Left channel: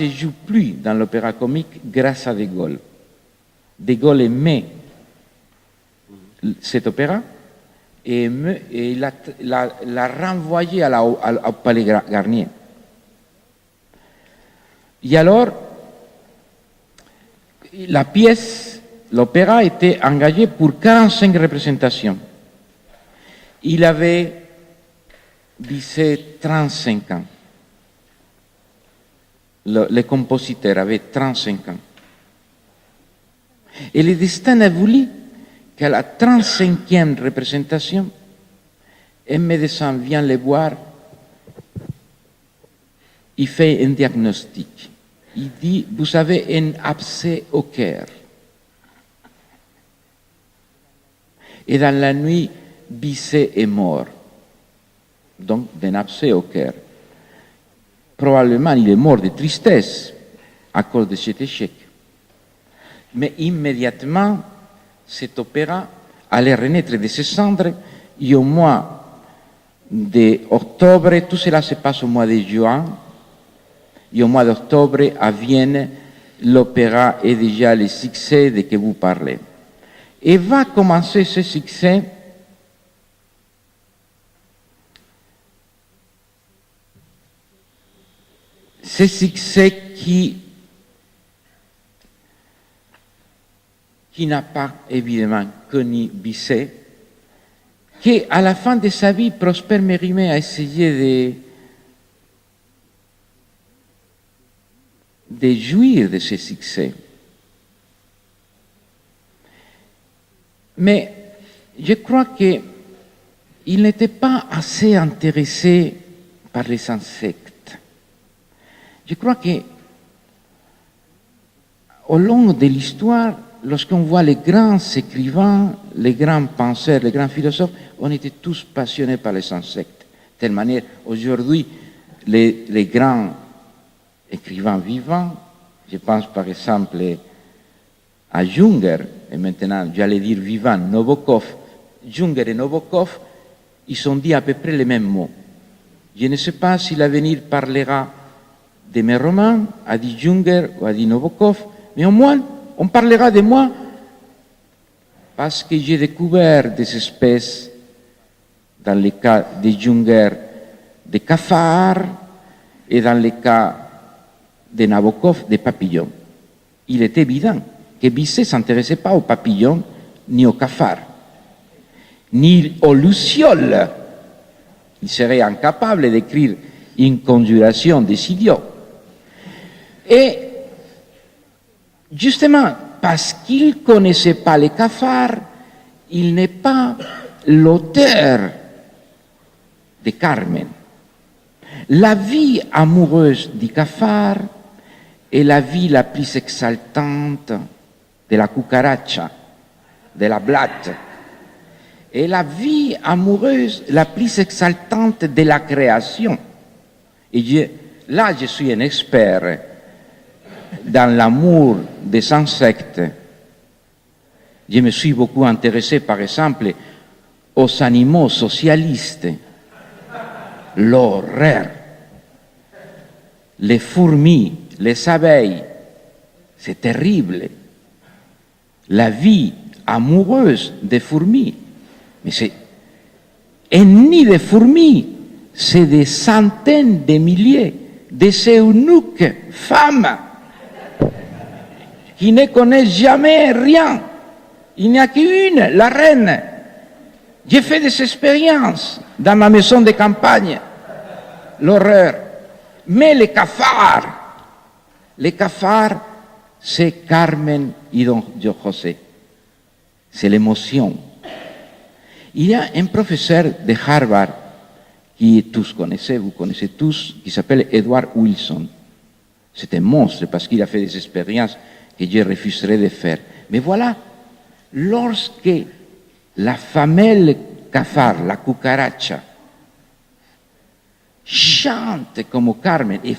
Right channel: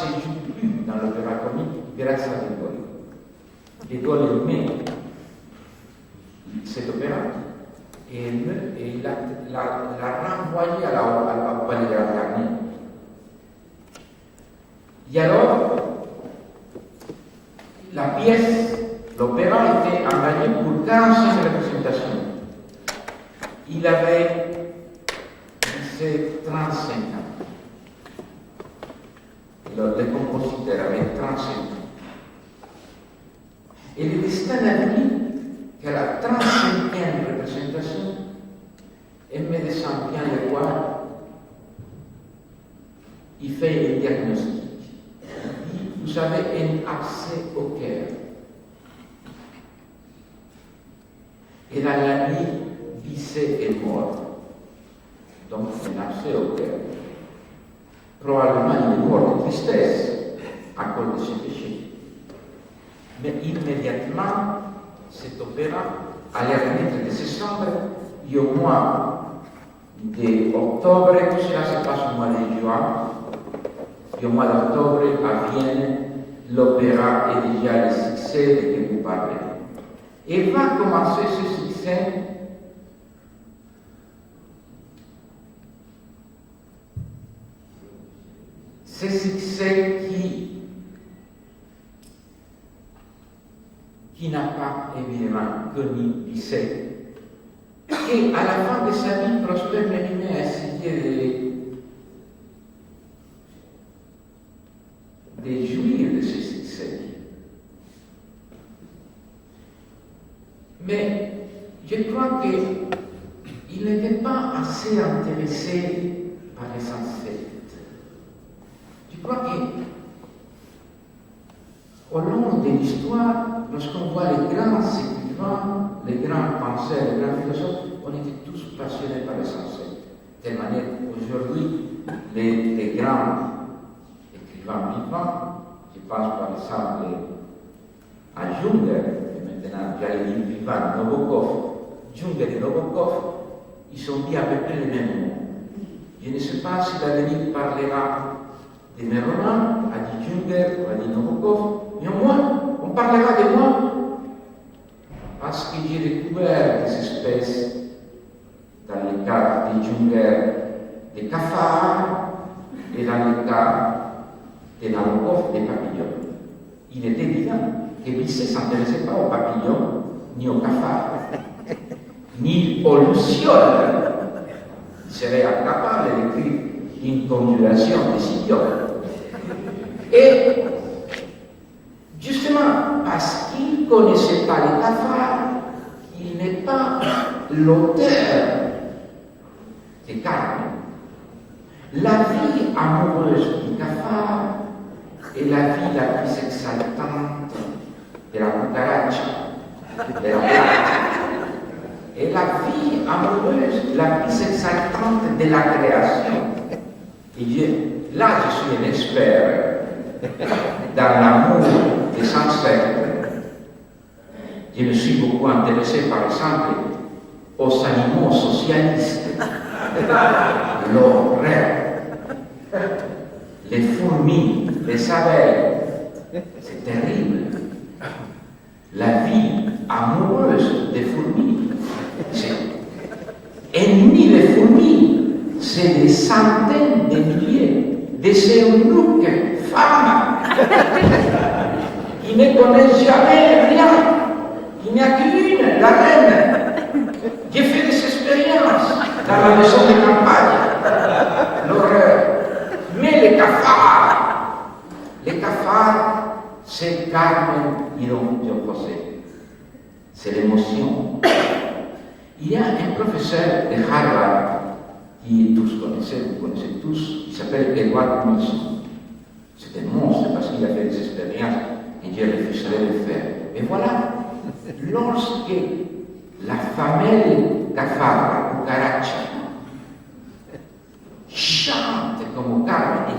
ne se joue plus dans l'opéra comique grâce à De Gaulle. De Gaulle aimait cet opéra et l'a renvoyé au Palais Garnier. Et alors, la pièce, l'opéra était engagé pour 45 représentations. Il avait, disait, 35 ans. Le compositeur avait 35 ans. Et le destin a voulu qu'à la 35e représentation, un médecin vient le voir, il fait un diagnostic. Il dit, vous avez un abcès au cœur. Et dans la nuit, Bizet est mort. Donc, d'un abcès au cœur. Probablement, il est mort de tristesse à cause de cet échec. Mais immédiatement, cet opéra allait renaître de ses cendres et au mois d'octobre, tout cela se passe au mois de juin, et au mois d'octobre, à Vienne, l'opéra est déjà le succès de que vous parlez. Et va commencer ce succès qui n'a pas évidemment connu Bizet, qui à la fin de sa vie, Prosper Mérimée a essayé de jouir de ce succès. Mais je crois qu'il n'était pas assez intéressé par les insectes. Je crois qu'au long de l'histoire, lorsqu'on voit les grands écrivains, les grands penseurs, les grands philosophes, on était tous passionnés par les insectes. De telle manière, aujourd'hui, les grands écrivains vivants, je pense par exemple à Junger, et maintenant j'allais dire vivant, Nabokov. Junger et Nabokov, ils ont dit à peu près les mêmes mots. Je ne sais pas si l'avenir parlera de mes romans, a dit Junger ou a dit Nabokov, mais au moins, on parlera de moi parce que j'ai découvert des espèces, dans le cas de Junger, des cafards, et dans le cas de Nabokov, des papillons. Il est évident que Bizet ne s'intéressait pas aux papillons, ni aux cafards, ni aux lucioles. Il serait incapable d'écrire une conjuration des idiots. Et justement, parce qu'il ne connaissait pas les cafards, il n'est pas l'auteur de Carmen. La vie amoureuse du cafard est la vie la plus exaltante de la cucaracha, de la blatte, et la vie amoureuse la plus exaltante de la création. Et là, je suis un expert dans l'amour des insectes. Je me suis beaucoup intéressé, par exemple, aux animaux socialistes. L'horreur. Les fourmis, les abeilles, c'est terrible. La vie amoureuse des fourmis, et ni des fourmis, c'est des centaines de milliers de eunuques femmes qui ne connaissent jamais rien. Il n'y a qu'une, la reine. J'ai fait des expériences dans ma maison de campagne. L'horreur. Mais les cafards, c'est Carmen y Don José. C'est l'émotion. Il y a un professeur de Harvard qui tous connaissez, vous connaissez tous, qui s'appelle Edward Wilson. C'est un monstre parce qu'il a fait des expériences que je refuserais de faire. Mais voilà, lorsque la femelle cafard, la cucaracha, chante comme Carmen,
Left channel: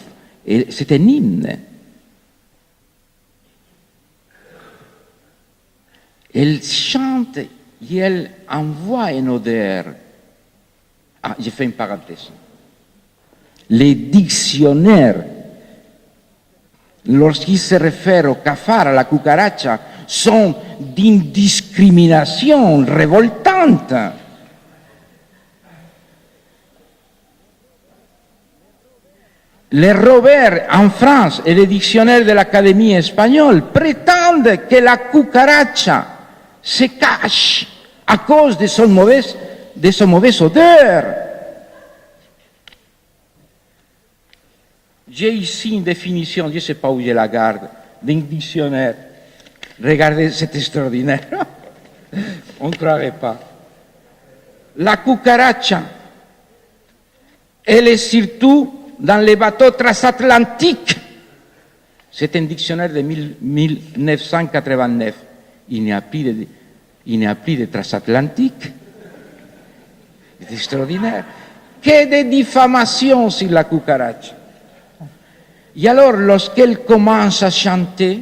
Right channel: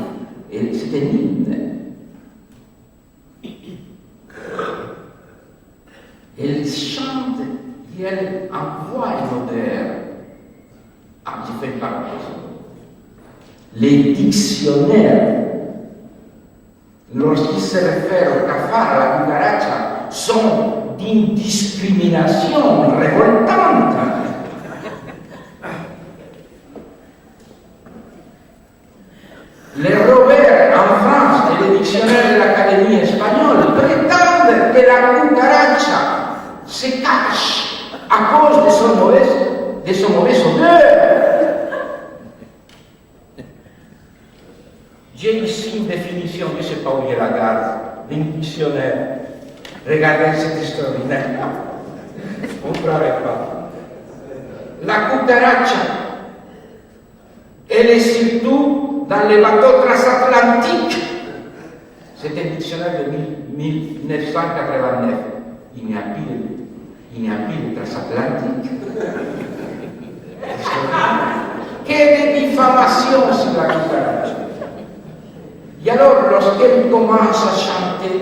et c'est un hymne. Elle chante et elle envoie une odeur. Ah, j'ai fait une parenthèse. Les dictionnaires lorsqu'il se réfère au cafard, à la cucaracha, sont d'une discrimination révoltante. Les Robert en France et les dictionnaires de l'Académie espagnole prétendent que la cucaracha se cache à cause de son mauvaise odeur. J'ai ici une définition, je ne sais pas où je la garde, d'un dictionnaire. Regardez, c'est extraordinaire. On ne croirait pas. La cucaracha, elle est surtout dans les bateaux transatlantiques. C'est un dictionnaire de 1989. Il n'y a plus de transatlantique. C'est extraordinaire. Que de diffamation sur la cucaracha. Et alors, lorsqu'elle commence à chanter,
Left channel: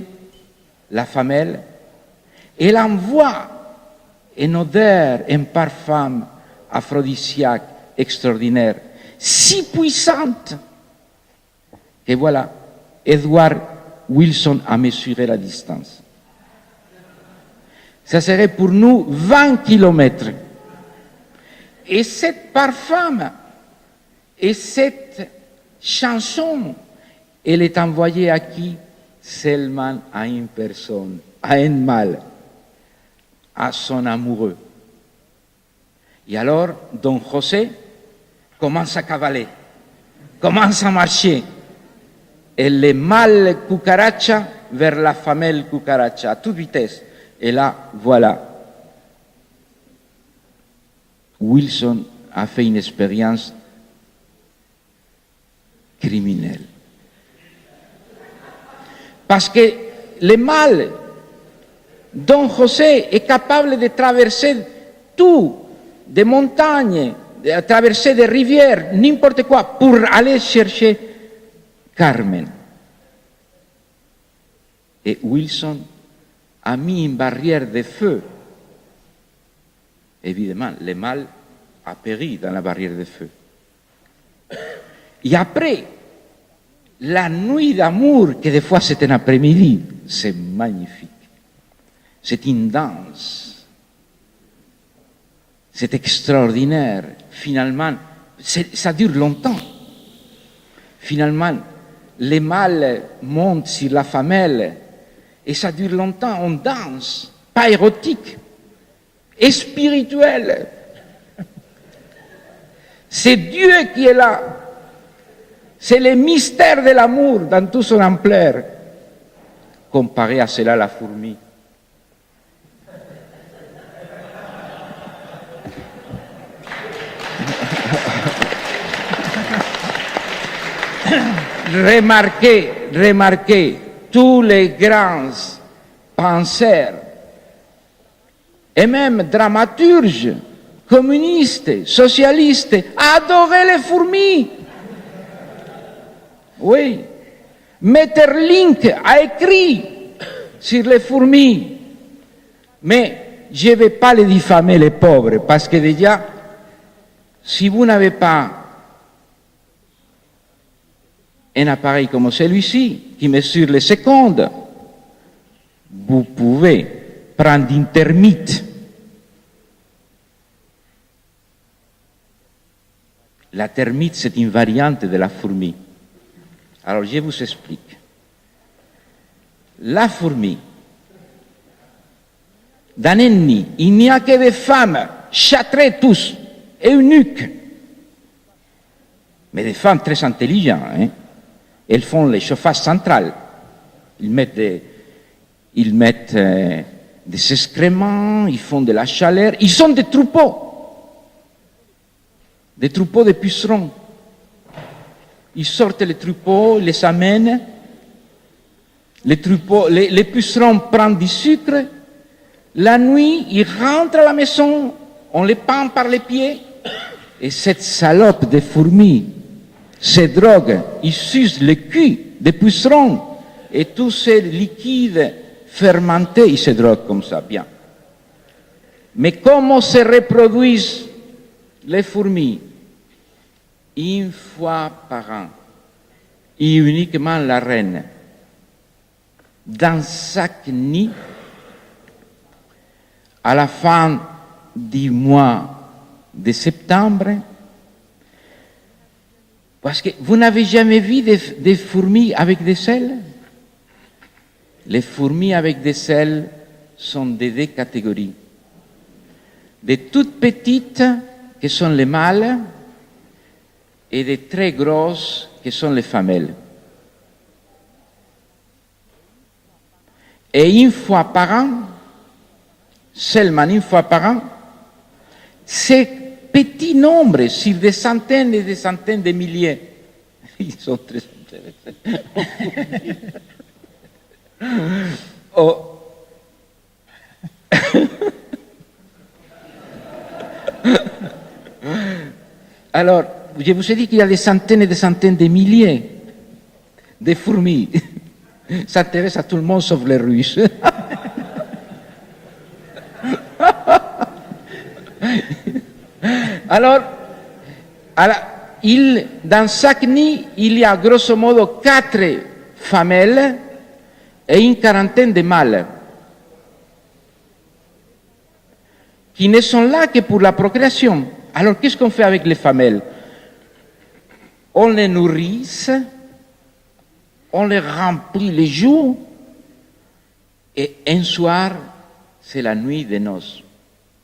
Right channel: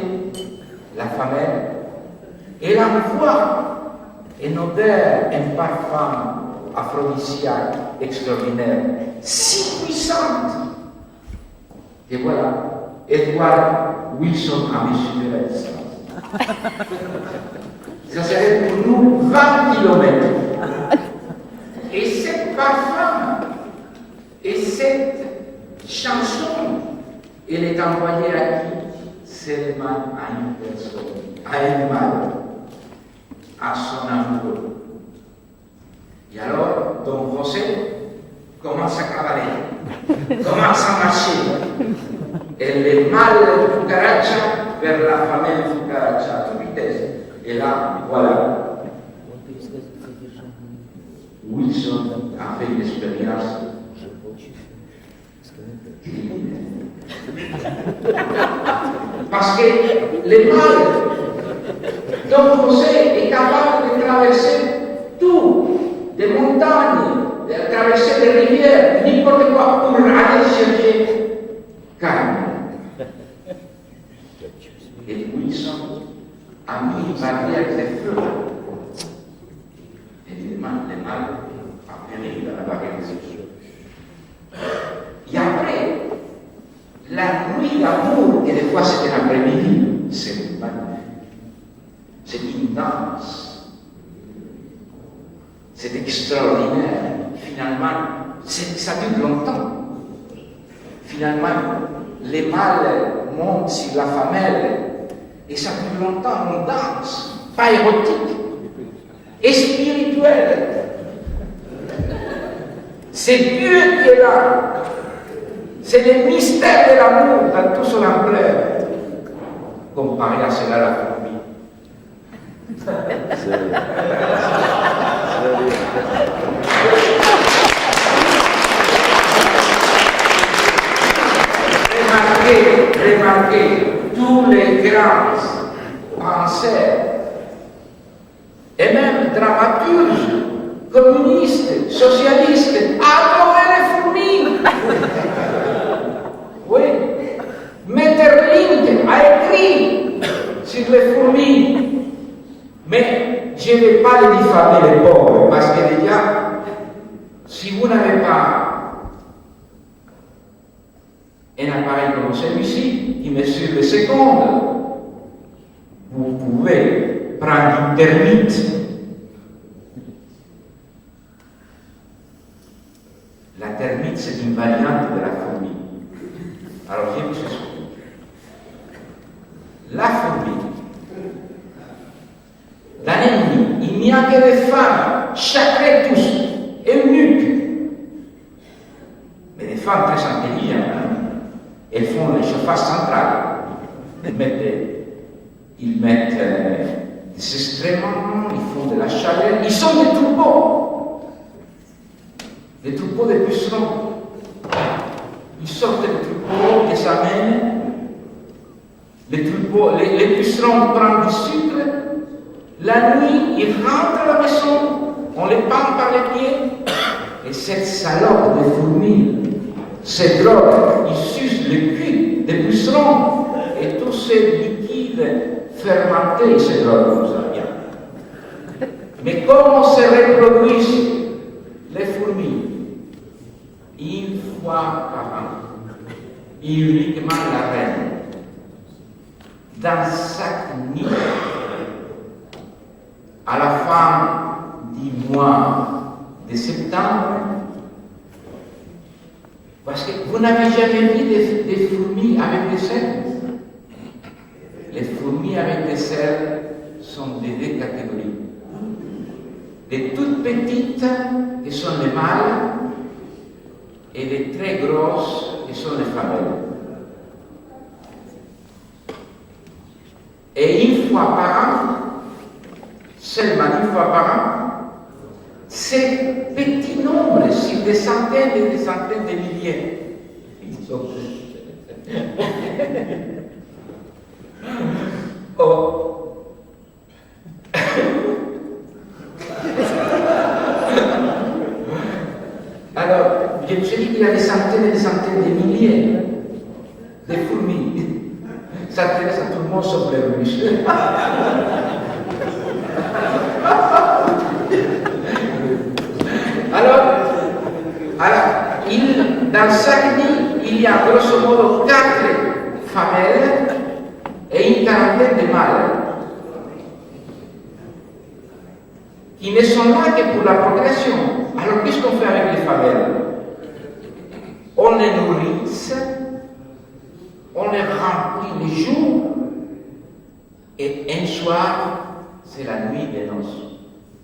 la femelle, elle envoie une odeur, un parfum aphrodisiaque extraordinaire, si puissante, que voilà, Edward Wilson a mesuré la distance. Ça serait pour nous 20 kilomètres. Et cette parfum, et cette chanson, elle est envoyée à qui? Seulement à une personne, à un mâle, à son amoureux. Et alors, Don José commence à cavaler, commence à marcher. Et le mâle cucaracha vers la femelle cucaracha, à toute vitesse. Et là, voilà. Wilson a fait une expérience criminelle. Parce que le mâle, Don José est capable de traverser tout, des montagnes, de traverser des rivières, n'importe quoi, pour aller chercher Carmen. Et Wilson a mis une barrière de feu. Évidemment, le mâle a péri dans la barrière de feu. Et après, la nuit d'amour, que des fois c'est un après-midi, c'est magnifique. C'est une danse. C'est extraordinaire. Finalement, ça dure longtemps. Finalement, les mâles montent sur la femelle et ça dure longtemps. On danse, pas érotique, et spirituel. C'est Dieu qui est là. C'est le mystère de l'amour dans toute son ampleur. Comparé à cela, la fourmi. Remarquez, tous les grands penseurs et même dramaturges, communistes, socialistes, adoraient les fourmis. Oui, Maeterlinck a écrit sur les fourmis. Mais je ne vais pas les diffamer, les pauvres, parce que déjà, si vous n'avez pas un appareil comme celui-ci, qui mesure les secondes, vous pouvez prendre une termite. La termite, c'est une variante de la fourmi. Alors, je vous explique. La fourmi, dans un nid, il n'y a que des femmes, châtrées tous, et eunuques. Mais des femmes très intelligentes. Hein? Elles font les chauffages centrales. Ils mettent des excréments, ils font de la chaleur. Ils sont des troupeaux de pucerons. Ils sortent les troupeaux, les amènent. Les pucerons prennent du sucre. La nuit, ils rentrent à la maison, on les pend par les pieds. Et cette salope de fourmis se drogue, ils sucent le cul des pucerons. Et tous ces liquides fermentés, ils se droguent comme ça, bien. Mais comment se reproduisent les fourmis? Une fois par an. Et uniquement la reine. dans chaque nid, à la fin du mois de septembre, parce que vous n'avez jamais vu des fourmis avec des ailes? Les fourmis avec des ailes sont de deux catégories. Des toutes petites, qui sont les mâles, et des très grosses, qui sont les femelles. Et une fois par an, seulement une fois par an, ces petits nombres, sur des centaines et des centaines de milliers, ils sont très... Oh. Alors, je vous ai dit qu'il y a des centaines et des centaines de milliers de fourmis. Ça intéresse à tout le monde sauf les Russes. Alors, dans chaque nid, il y a grosso modo 4 femelles et une quarantaine de mâles qui ne sont là que pour la procréation. Alors, qu'est-ce qu'on fait avec les femelles? On les nourrit, on les remplit les jours, et un soir, c'est la nuit des noces.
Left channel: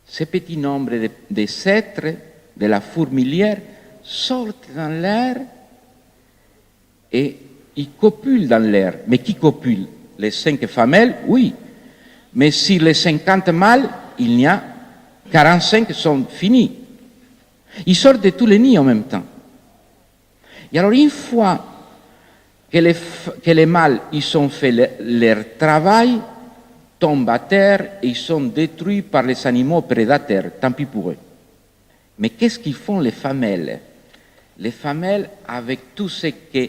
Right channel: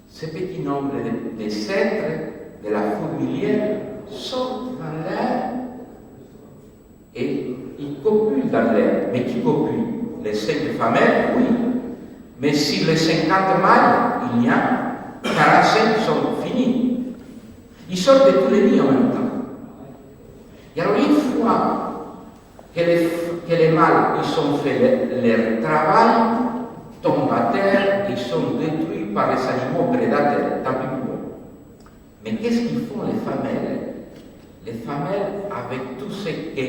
Ce petit nombre de cètres de la fourmilière sortent dans l'air et ils copulent dans l'air. Mais qui copule? Les 5 femelles, oui. Mais sur les 50 mâles, il y a 45 qui sont finis. Ils sortent de tous les nids en même temps. Et alors, une fois que les mâles ils ont fait leur travail, tombent à terre et ils sont détruits par les animaux prédateurs, tant pis pour eux. Mais qu'est-ce qu'ils font les femelles? Les femelles, avec tout ce que,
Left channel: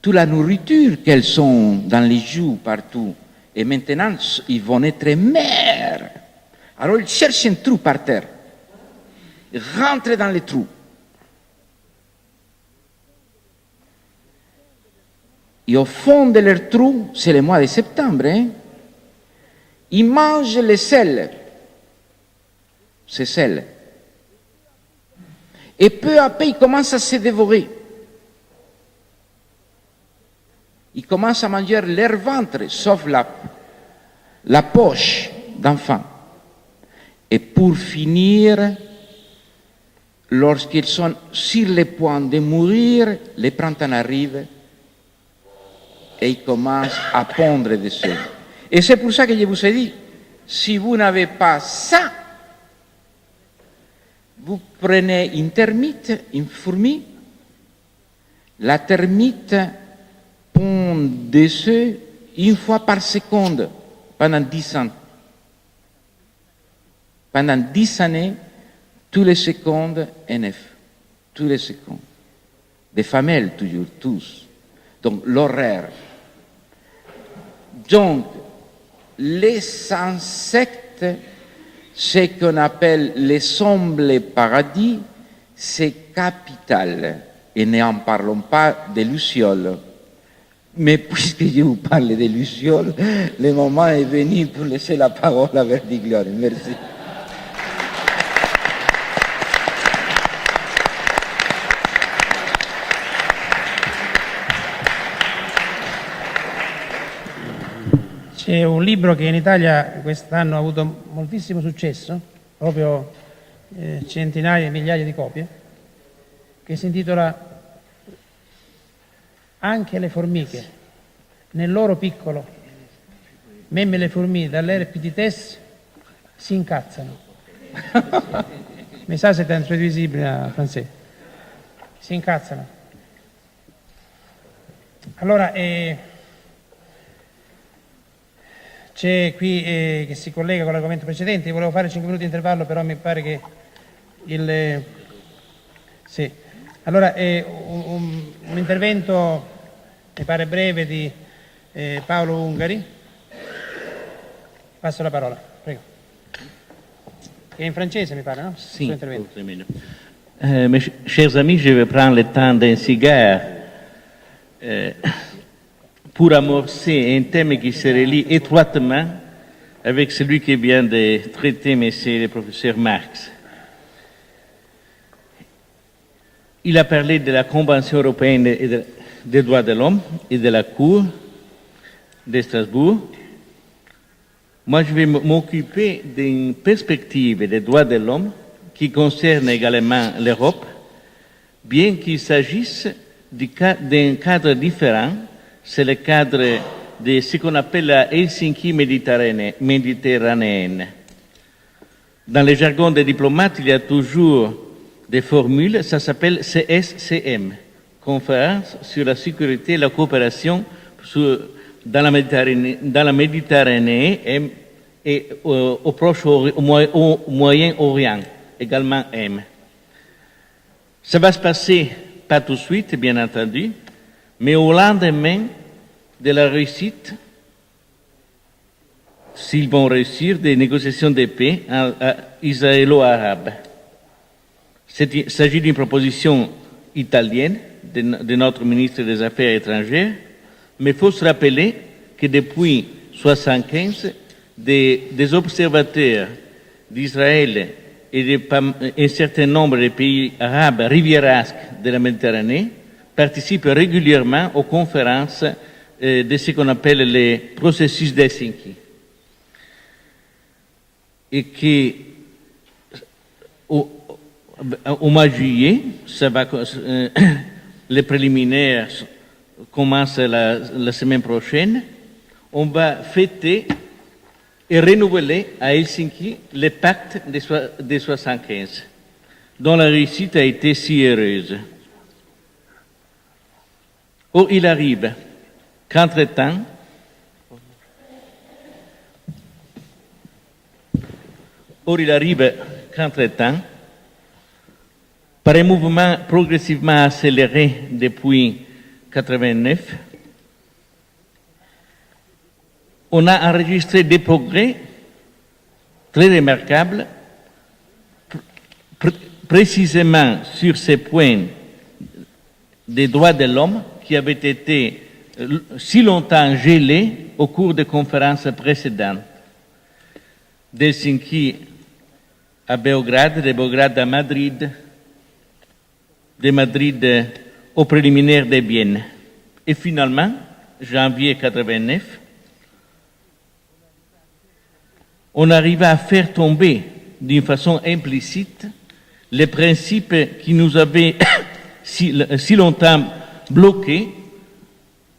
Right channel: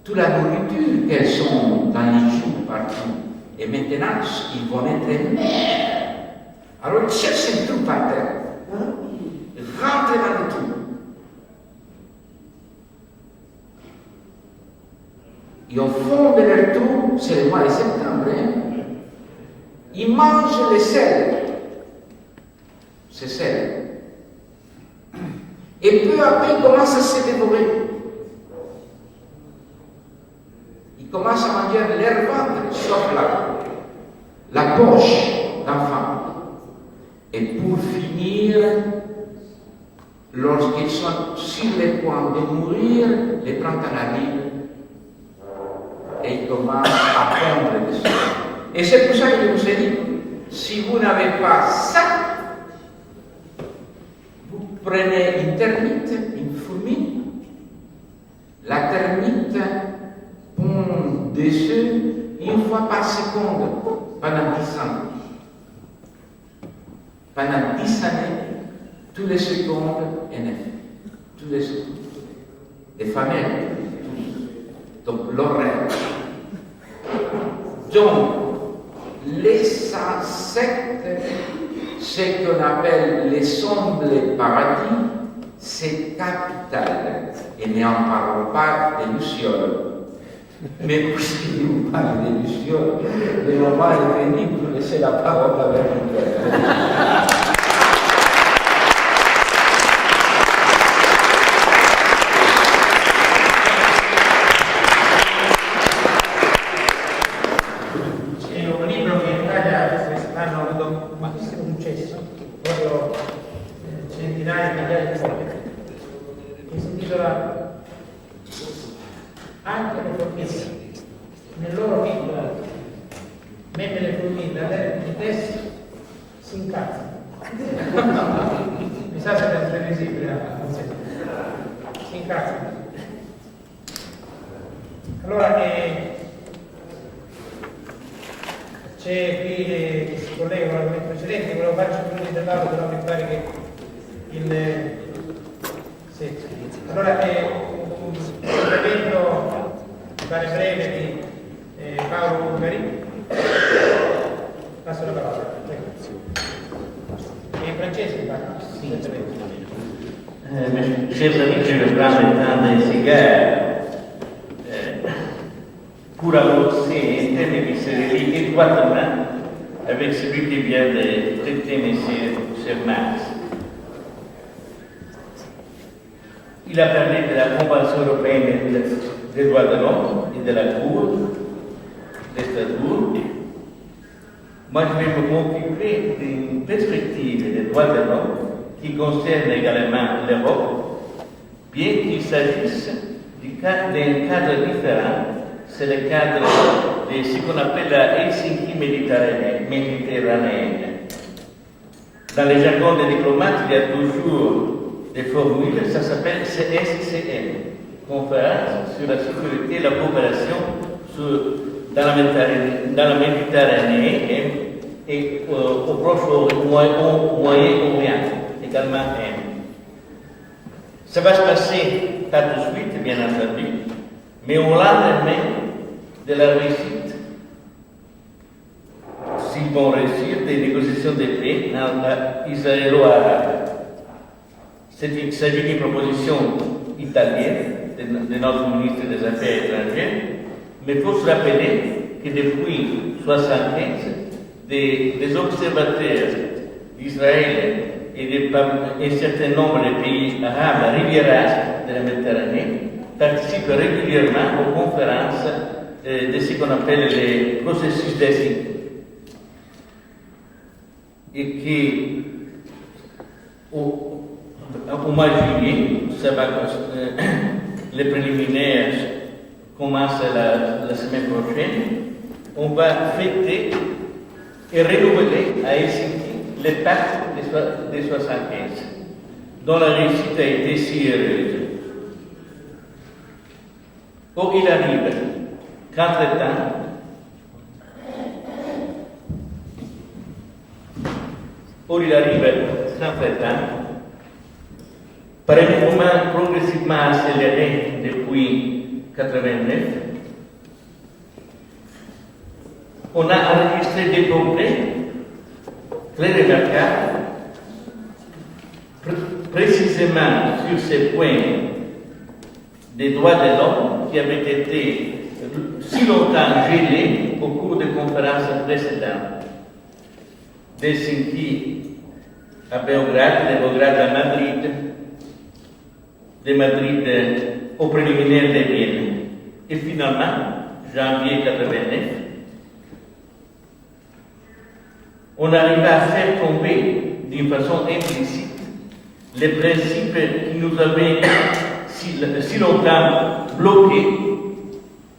toute la nourriture qu'elles ont dans les joues partout, et maintenant ils vont être mères. Alors ils cherchent un trou par terre, ils rentrent dans les trous. Et au fond de leur trou, c'est le mois de septembre, ils mangent les sels, ces sels. Et peu à peu, ils commencent à se dévorer. Ils commencent à manger leur ventre, sauf la poche d'enfant. Et pour finir, lorsqu'ils sont sur le point de mourir, les printemps arrive et ils commencent à pondre dessus. Et c'est pour ça que je vous ai dit, si vous n'avez pas ça, vous prenez une termite, une fourmi, la termite pond des œufs une fois par seconde pendant 10 ans. Pendant 10 années, tous les secondes, un œuf. Tous les secondes. Des femelles, toujours, tous. Donc, l'horaire. Donc, les insectes, ce qu'on appelle les ombres paradis, c'est capital. Et n'en parlons pas des lucioles. Mais puisque je vous parle des lucioles, le moment est venu pour laisser la parole à Verdiglione. C'è un libro che in Italia quest'anno ha avuto moltissimo successo, proprio centinaia di migliaia di copie, che si intitola Anche le formiche, nel loro piccolo, même le fourmis dans leur petitesse si incazzano. Mi sa se è intraduisibile a francese. Si incazzano. Allora, c'è qui che si collega con l'argomento precedente, volevo fare 5 minuti di intervallo, però mi pare che sì. Allora, un intervento mi pare breve di Paolo Ungari. Passo la parola, prego. È in francese mi pare, no? Sì. Mes chers amis, je vais prendre le temps d'un cigare pour amorcer un thème qui se relie étroitement avec celui que vient de traiter M. le professeur Marx. Il a parlé de la Convention européenne des droits de l'homme et de la Cour de Strasbourg. Moi, je vais m'occuper d'une perspective des droits de l'homme qui concerne également l'Europe, bien qu'il s'agisse d'un cadre différent. C'est le cadre de ce qu'on appelle la Helsinki méditerranéenne. Dans le jargon des diplomates, il y a toujours des formules, ça s'appelle CSCN, Conférence sur la sécurité et la coopération dans la Méditerranée et au Moyen-Orient, également M. Ça va se passer pas tout de suite, bien entendu, mais au lendemain de la réussite, s'ils vont réussir, des négociations de paix israélo-arabes. Il s'agit d'une proposition italienne de notre ministre des Affaires étrangères, mais il faut se rappeler que depuis 1975, des observateurs d'Israël et un certain nombre de pays arabes riviérasques de la Méditerranée participent régulièrement aux conférences de ce qu'on appelle les processus d'Helsinki. Et qu'au mois de juillet, les préliminaires commencent la semaine prochaine, on va fêter et renouveler à Helsinki le pacte de 1975, dont la réussite a été si heureuse. Or, il arrive qu'entre-temps, par un mouvement progressivement accéléré depuis 1989, on a enregistré des progrès très remarquables, précisément sur ces points des droits de l'homme qui avaient été si longtemps gelés au cours des conférences précédentes. D'Helsinki à Belgrade, de Belgrade à Madrid, de Madrid au préliminaire de Vienne. Et finalement, janvier 1989, on arriva à faire tomber d'une façon implicite les principes qui nous avaient si longtemps bloqués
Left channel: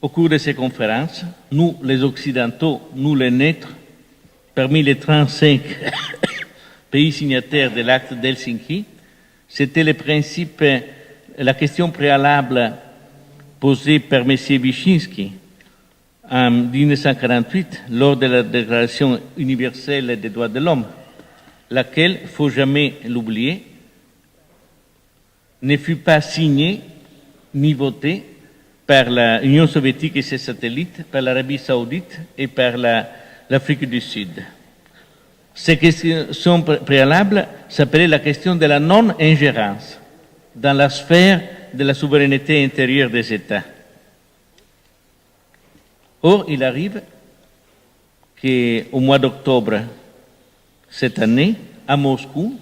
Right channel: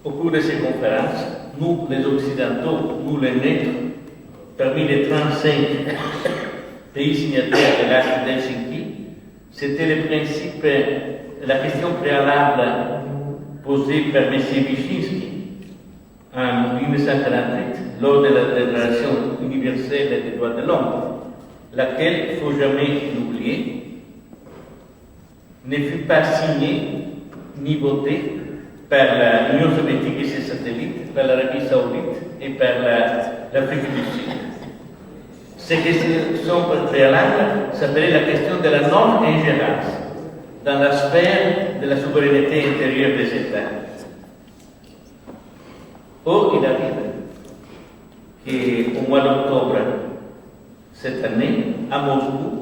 au cours de ces conférences, nous les Occidentaux, nous les nôtres, parmi les 35 pays signataires de l'acte d'Helsinki, c'était le principe, la question préalable posée par M. Wyszynski en 1948 lors de la Déclaration universelle des droits de l'homme, laquelle, il ne faut jamais l'oublier, ne fut pas signée ni votée par l'Union soviétique et ses satellites, par l'Arabie saoudite et par l'Afrique du Sud. Ces questions préalables s'appelaient la question de la non-ingérence dans la sphère de la souveraineté intérieure des États. Or, il arrive qu'au mois d'octobre cette année, à Moscou,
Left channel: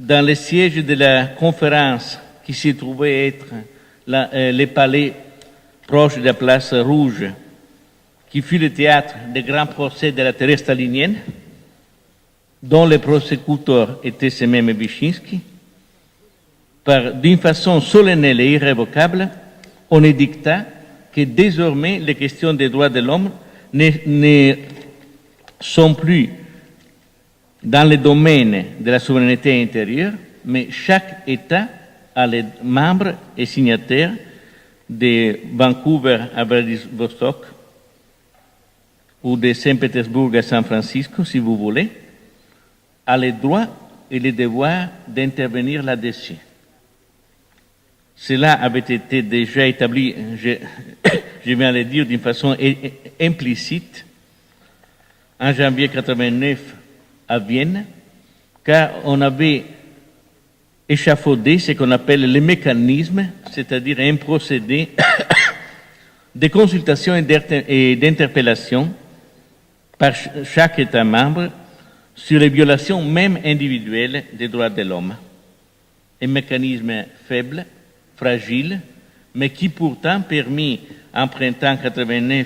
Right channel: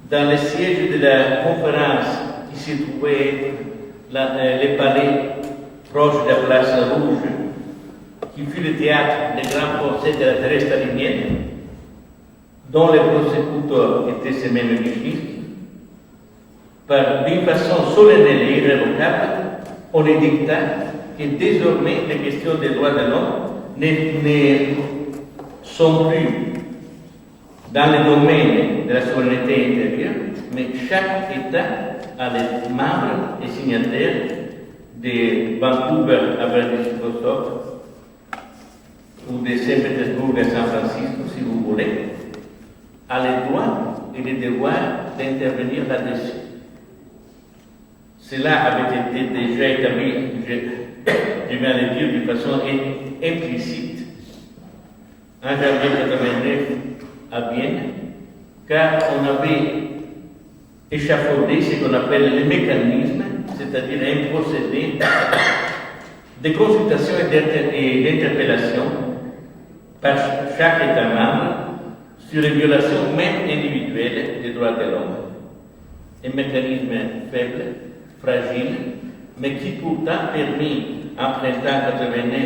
dans le siège de la conférence qui se trouvait être les palais proches de la place Rouge, qui fut le théâtre des grands procès de la terre stalinienne, dont le prosécuteur était ce même Wyszynski, d'une façon solennelle et irrévocable, on édicta que désormais les questions des droits de l'homme ne sont plus dans le domaine de la souveraineté intérieure, mais chaque État a les membres et signataires de Vancouver à Vladivostok ou de Saint-Pétersbourg à San Francisco, si vous voulez, a le droit et le devoir d'intervenir là-dessus. Cela avait été déjà établi, je viens de le dire d'une façon implicite, en janvier 1989 à Vienne, car on avait échafaudé ce qu'on appelle le mécanisme, c'est-à-dire un procédé de consultation et d'interpellation par chaque État membre sur les violations même individuelles des droits de l'homme. Un mécanisme faible, fragile, mais qui pourtant permet, en printemps 89,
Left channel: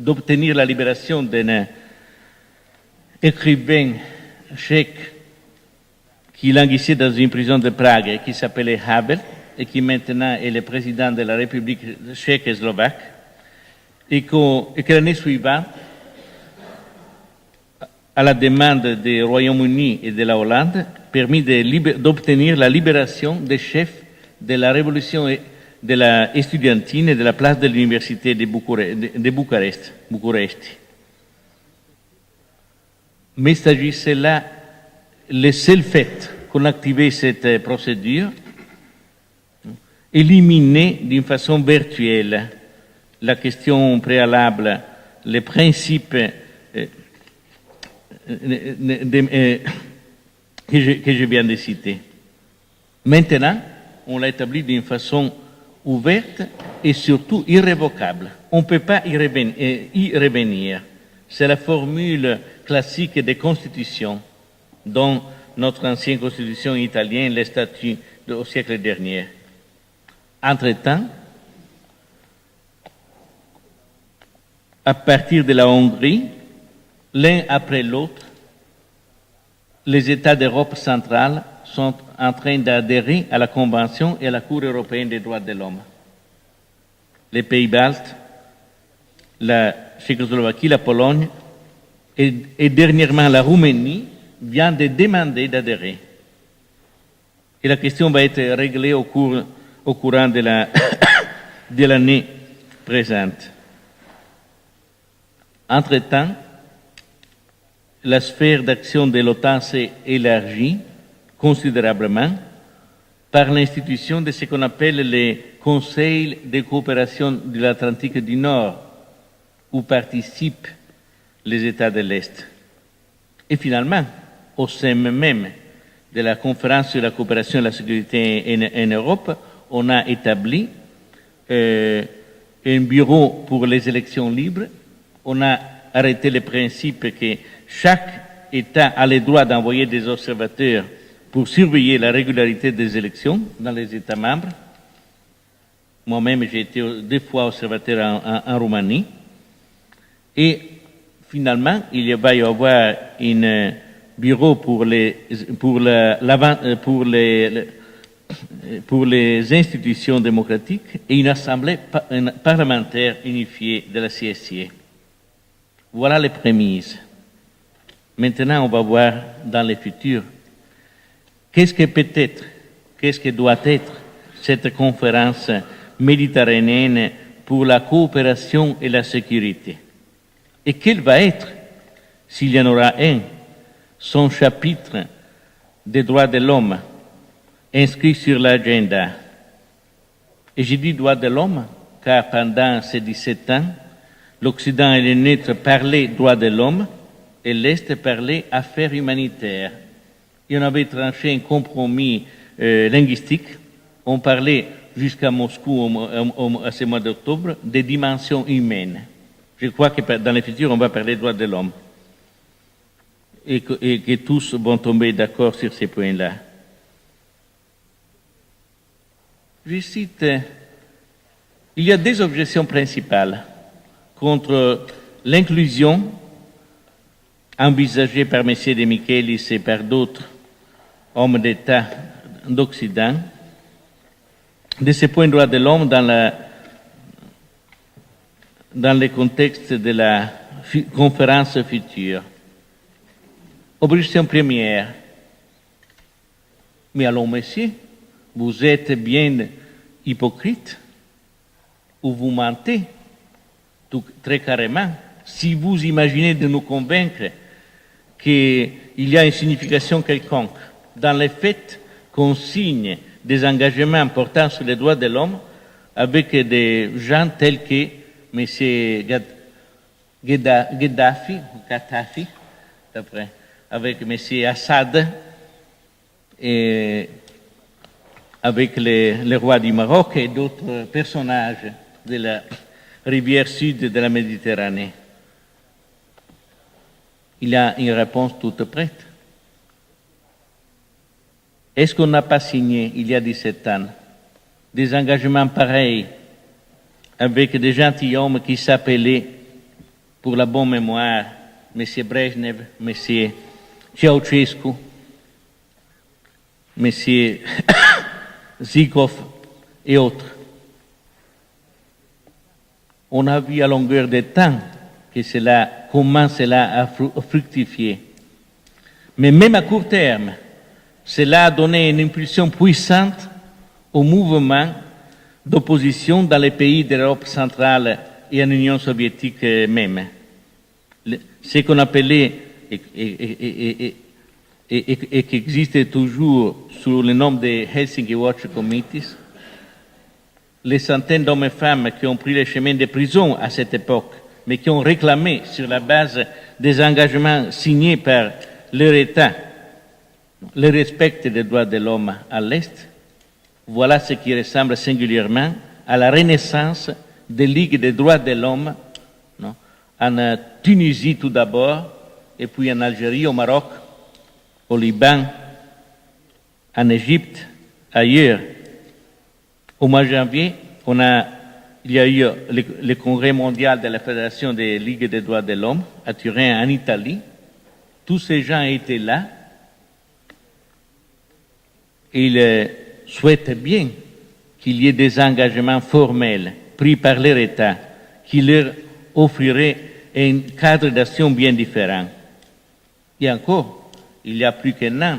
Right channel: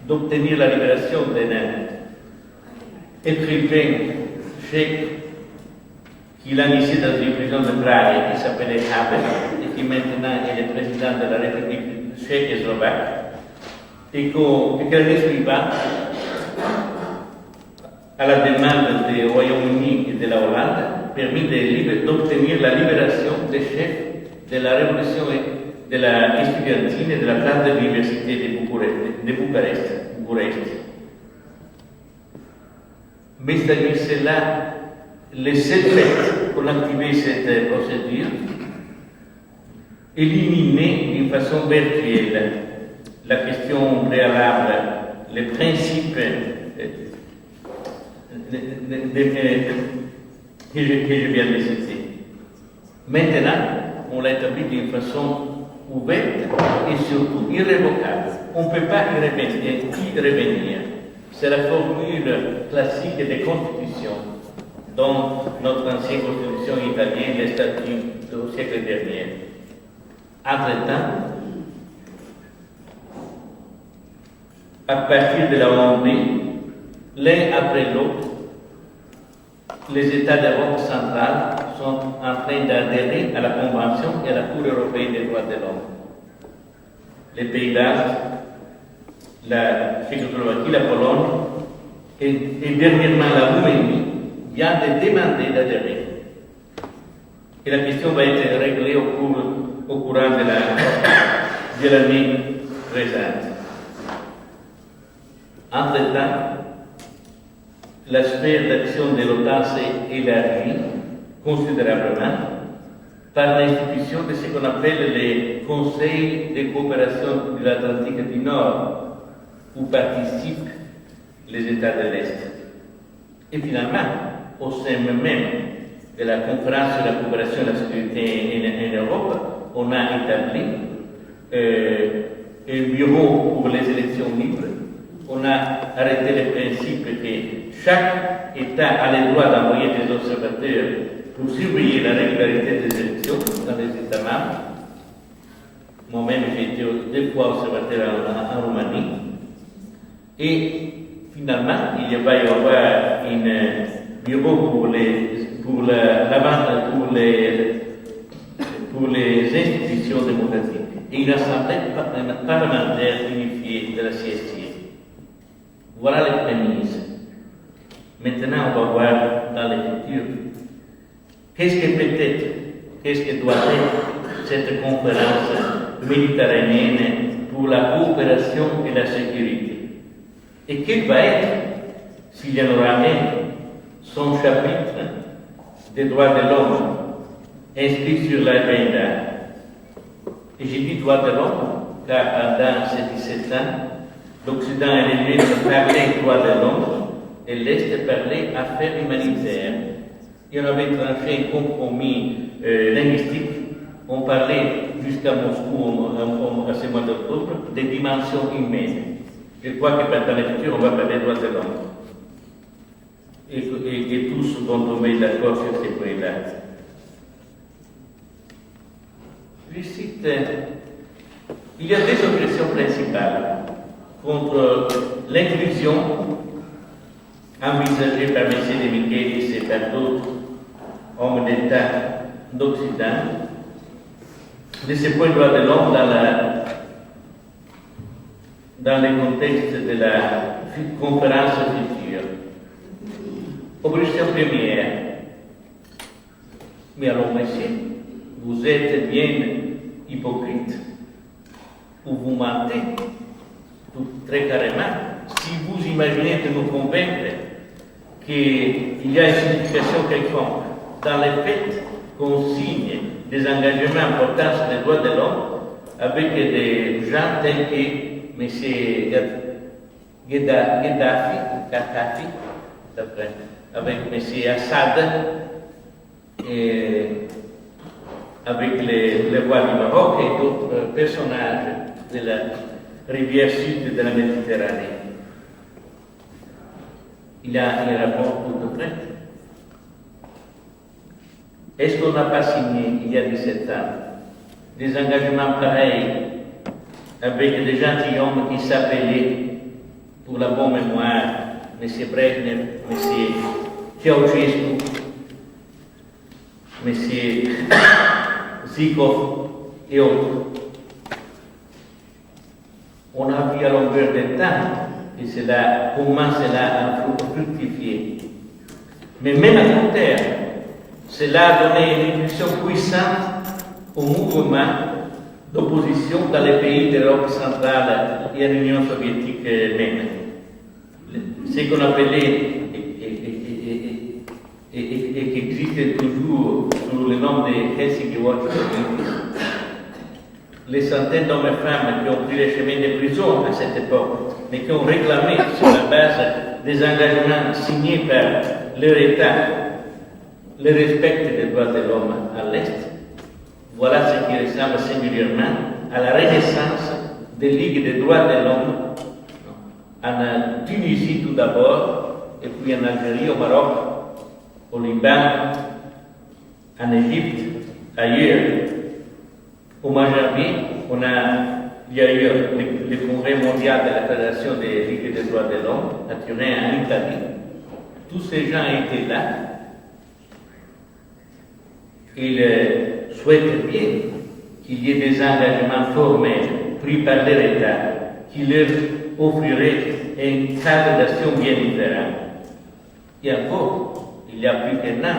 d'obtenir la libération d'un écrivain tchèque qui languissait dans une prison de Prague qui s'appelait Haber et qui maintenant est le président de la République tchèque et slovaque, et que l'année suivante, à la demande du Royaume-Uni et de la Hollande, permis d'obtenir la libération des chefs de la révolution de la estudiantine et de la place de l'université de Bucarest. Mais il s'agissait là le seul fait qu'on activait cette procédure, éliminer d'une façon virtuelle la question préalable, les principes que je viens de citer. Maintenant, on l'a établi d'une façon ouverte et surtout irrévocable. On ne peut pas y revenir. C'est la formule classique des constitutions, dont notre ancienne constitution italienne, les statuts au siècle dernier. Entre-temps, à partir de la Hongrie, l'un après l'autre, les États d'Europe centrale sont en train d'adhérer à la Convention et à la Cour européenne des droits de l'homme. Les Pays-Bas, la Tchécoslovaquie, la Pologne et dernièrement la Roumanie viennent de demander d'adhérer. Et la question va être réglée au courant de l'année présente. Entre-temps, la sphère d'action de l'OTAN s'est élargie considérablement par l'institution de ce qu'on appelle les conseils de coopération de l'Atlantique du Nord, où participent les États de l'Est. Et finalement, au sein même de la conférence sur la coopération et la sécurité en Europe, on a établi un bureau pour les élections libres. On a arrêté le principe que chaque État a le droit d'envoyer des observateurs pour surveiller la régularité des élections dans les États membres. Moi-même, j'ai été 2 fois observateur en Roumanie. Et finalement, il va y avoir un bureau pour les institutions démocratiques et une assemblée parlementaire unifiée de la CSC. Voilà les prémices. Maintenant, on va voir dans le futur qu'est-ce que peut être, qu'est-ce que doit être cette conférence méditerranéenne pour la coopération et la sécurité. Et quel va être, s'il y en aura un, son chapitre des droits de l'homme inscrit sur l'agenda. Et j'ai dit droits de l'homme car pendant ces 17 ans, l'Occident et le neutre parlaient droits de l'homme et l'Est parlait affaires humanitaires. Et on avait tranché un compromis linguistique. On parlait jusqu'à Moscou à ce mois d'octobre des dimensions humaines. Je crois que dans le futur, on va parler droits de l'homme. Et que tous vont tomber d'accord sur ces points-là. Je cite, il y a 2 objections principales contre l'inclusion envisagée par M. de Michelis et par d'autres hommes d'État d'Occident de ce point de droit de l'homme dans le contexte de la conférence future. Objection première. Mais alors, monsieur, vous êtes bien hypocrite ou vous mentez tout, très carrément si vous imaginez de nous convaincre qu'il y a une signification quelconque dans le fait qu'on signe des engagements importants sur les droits de l'homme avec des gens tels que M. Gaddafi, avec M. Assad et avec le roi du Maroc et d'autres personnages rivière sud de la Méditerranée. Il y a une réponse toute prête. Est-ce qu'on n'a pas signé, il y a 17 ans, des engagements pareils avec des gentilshommes qui s'appelaient, pour la bonne mémoire, M. Brezhnev, M. Ceausescu, M. Zhukov et autres. On a vu à longueur de temps que comment cela a fructifié. Mais même à court terme, cela a donné une impulsion puissante au mouvement d'opposition dans les pays d'Europe centrale et en Union soviétique même. Ce qu'on appelait et qui existe toujours sous le nom de Helsinki Watch Committees, les centaines d'hommes et femmes qui ont pris le chemin des prisons à cette époque, mais qui ont réclamé sur la base des engagements signés par leur État le respect des droits de l'homme à l'Est, voilà ce qui ressemble singulièrement à la renaissance des ligues des droits de l'homme en Tunisie tout d'abord, et puis en Algérie, au Maroc, au Liban, en Égypte, ailleurs. Au mois de janvier, il y a eu le congrès mondial de la Fédération des Ligues des droits de l'homme à Turin, en Italie. Tous ces gens étaient là. Ils souhaitent bien qu'il y ait des engagements formels pris par leur État qui leur offriraient un cadre d'action bien différent. Et encore, il y a plus qu'un an,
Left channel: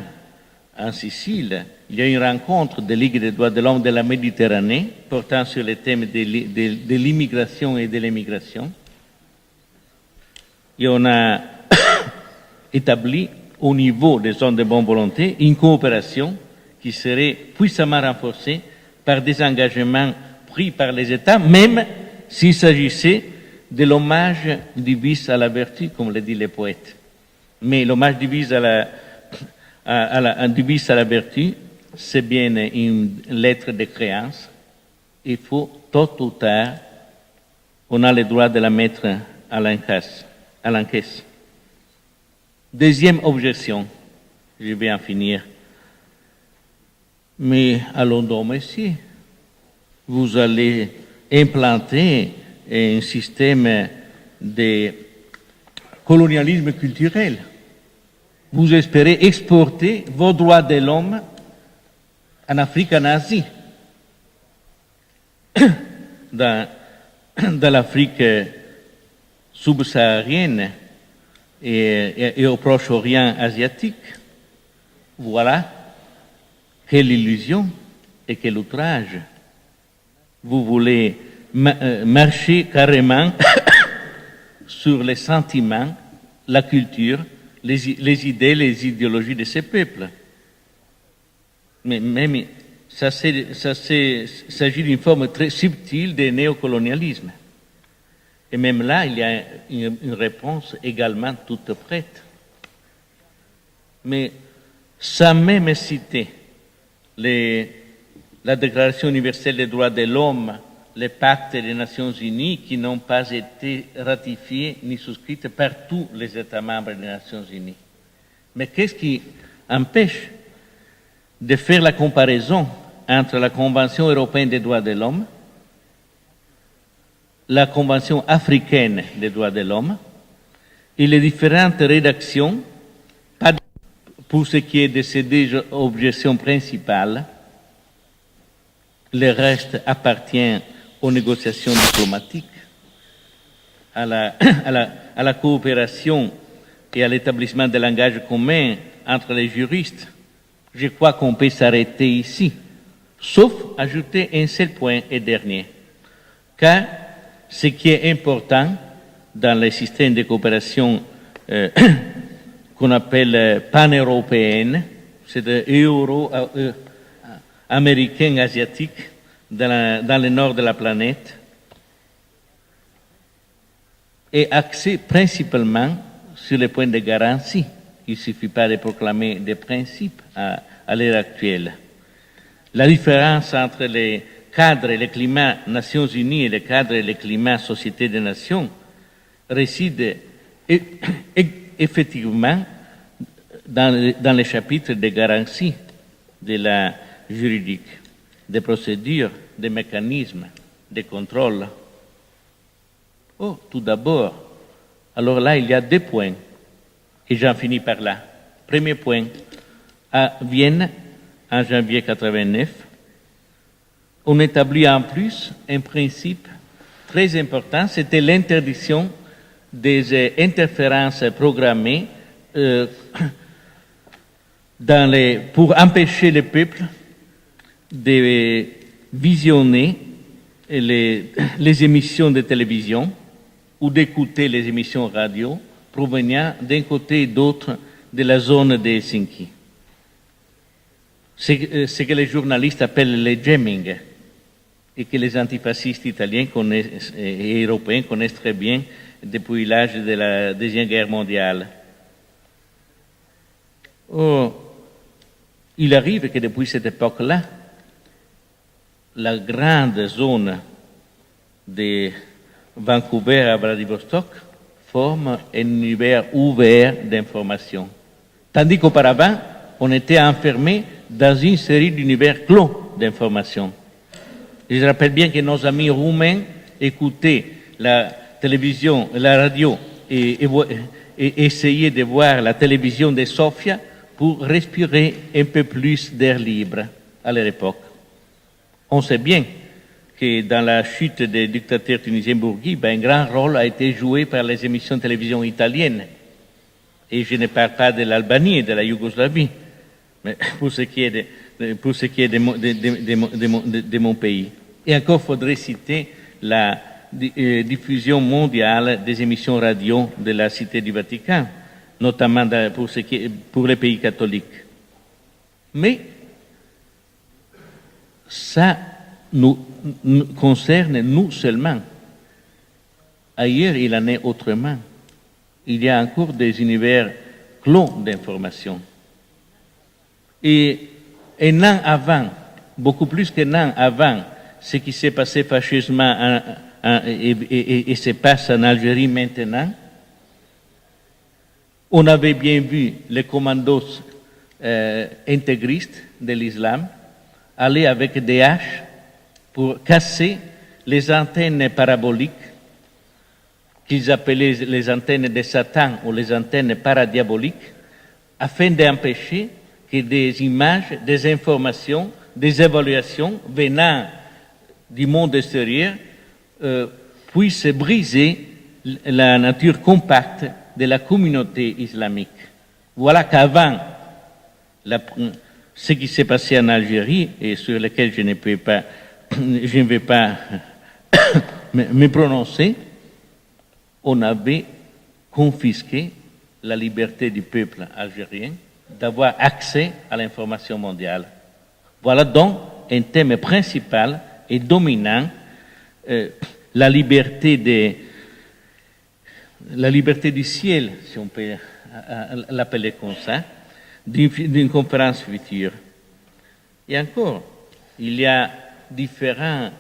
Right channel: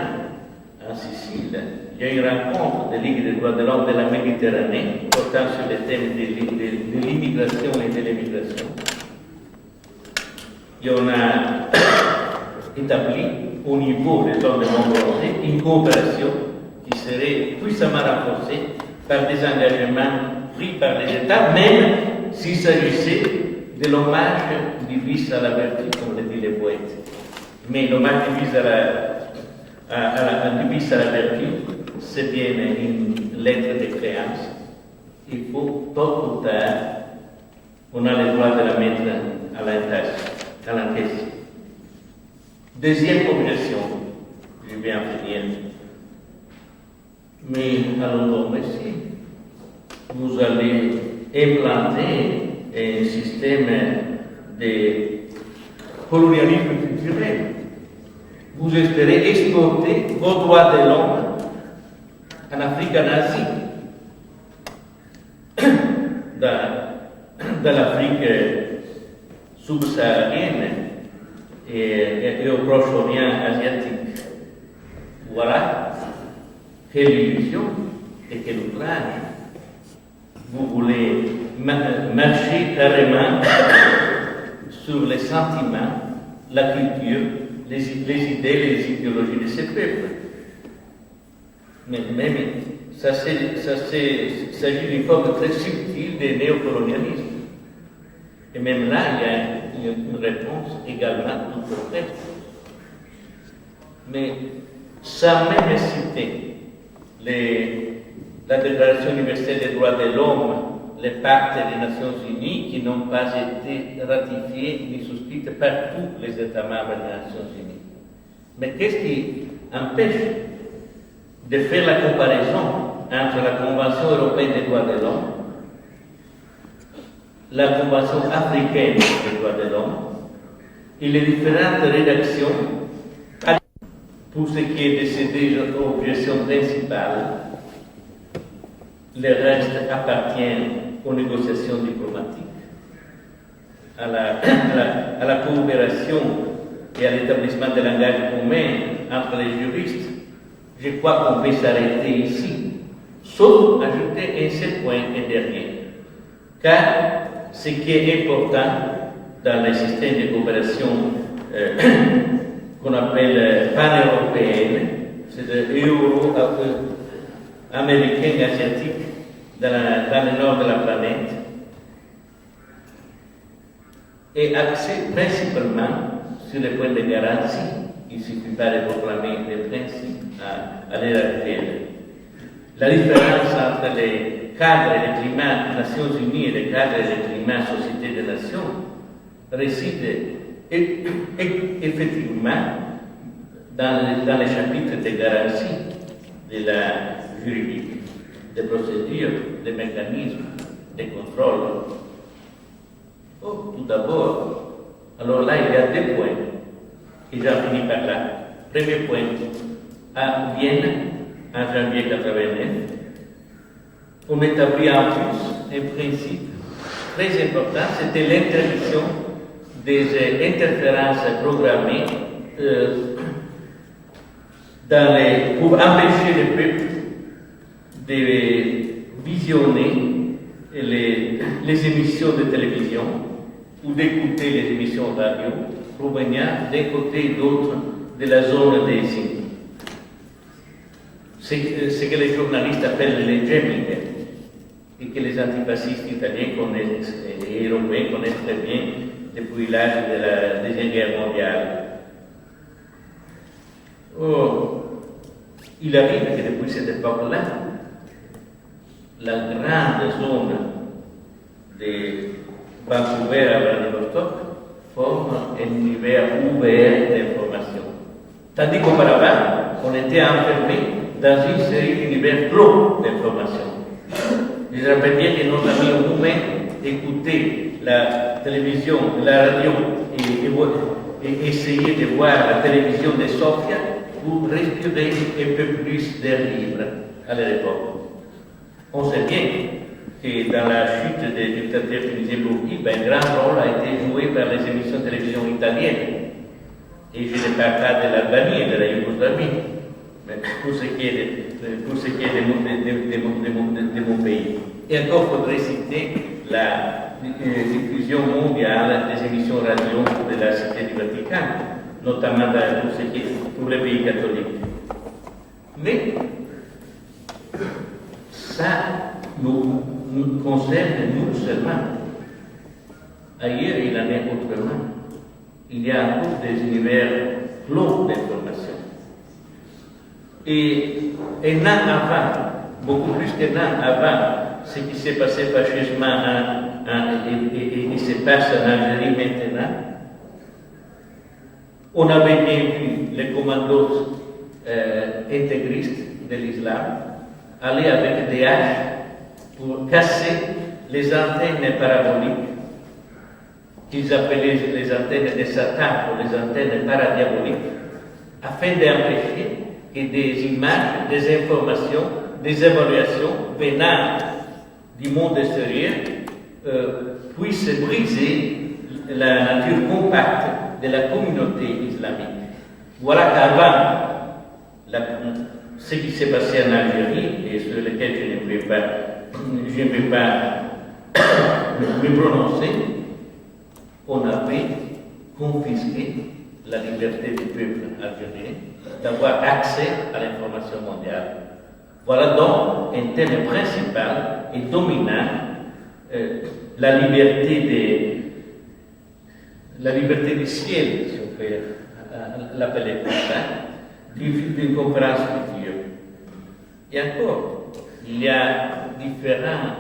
en Sicile, il y a eu une rencontre des Ligues des droits de l'homme de la Méditerranée portant sur les thèmes de l'immigration et de l'émigration. Et on a établi au niveau des zones de bonne volonté une coopération qui serait puissamment renforcée par des engagements pris par les États, même s'il s'agissait de l'hommage du vice à la vertu, comme le dit le poète. Mais l'hommage du vice à la vertu, c'est bien une lettre de créance. Il faut, tôt ou tard, on a le droit de la mettre à l'encaisse. Deuxième objection, je vais en finir. Mais allons donc, monsieur, vous allez implanter un système de colonialisme culturel. Vous espérez exporter vos droits de l'homme en Afrique, en Asie, dans l'Afrique subsaharienne et au Proche-Orient asiatique. Voilà. Quelle illusion et quel outrage. Vous voulez marcher carrément sur les sentiments, la culture, les idées, les idéologies de ces peuples. Mais ça s'agit d'une forme très subtile de néocolonialisme. Et même là, il y a une réponse également toute prête. Mais sans même citer la Déclaration universelle des droits de l'homme, les pactes des Nations Unies qui n'ont pas été ratifiés ni souscrits par tous les États membres des Nations Unies. Mais qu'est-ce qui empêche de faire la comparaison entre la Convention européenne des droits de l'homme, la Convention africaine des droits de l'homme et les différentes rédactions? Pour ce qui est de ces deux objections principales, le reste appartient aux négociations diplomatiques, à la coopération et à l'établissement de langage commun entre les juristes. Je crois qu'on peut s'arrêter ici, sauf ajouter un seul point et dernier. Car ce qui est important dans les systèmes de coopération qu'on appelle pan-européenne, c'est euro-américain, asiatique, dans le nord de la planète, est axé principalement sur les points de garantie. Il ne suffit pas de proclamer des principes à l'heure actuelle. La différence entre les cadre et le climat Nations Unies et le cadre et le climat Société des Nations résident effectivement dans les chapitres des garanties de la juridique, des procédures, des mécanismes, des contrôles. Oh, tout d'abord, alors là, il y a 2 points, et j'en finis par là. Premier point, à Vienne, en janvier 89, on établit en plus un principe très important, c'était l'interdiction des interférences programmées pour empêcher le peuple de visionner les émissions de télévision ou d'écouter les émissions radio provenant d'un côté et d'autre de la zone de Helsinki. C'est ce que les journalistes appellent le jamming et que les antifascistes italiens et européens connaissent très bien depuis l'âge de la Deuxième Guerre mondiale. Oh, il arrive que depuis cette époque-là, la grande zone de Vancouver à Vladivostok forme un univers ouvert d'information. Tandis qu'auparavant, on était enfermé dans une série d'univers clos d'information. Je rappelle bien que nos amis roumains écoutaient la télévision, la radio et essayaient de voir la télévision de Sofia pour respirer un peu plus d'air libre à leur époque. On sait bien que dans la chute des dictateurs tunisiens Bourguiba, un grand rôle a été joué par les émissions de télévision italiennes. Et je ne parle pas de l'Albanie et de la Yougoslavie, mais pour ce qui est de mon pays. Et encore faudrait citer la diffusion mondiale des émissions radio de la Cité du Vatican, notamment pour les pays catholiques. Mais ça nous concerne nous seulement. Ailleurs, il en est autrement. Il y a encore des univers clos d'information. Et un an avant, beaucoup plus qu'un an avant, ce qui s'est passé fâcheusement et se passe en Algérie maintenant, on avait bien vu les commandos intégristes de l'islam aller avec des haches pour casser les antennes paraboliques qu'ils appelaient les antennes de Satan ou les antennes paradiaboliques, afin d'empêcher que des images, des informations, des évaluations venant du monde extérieur puissent briser la nature compacte de la communauté islamique. Voilà qu'avant ce qui s'est passé en Algérie, et sur lequel je ne vais pas me prononcer, on avait confisqué la liberté du peuple algérien d'avoir accès à l'information mondiale. Voilà donc un thème principal et dominant, la liberté du ciel, si on peut l'appeler comme ça, d'une conférence future. Et encore, il y a différents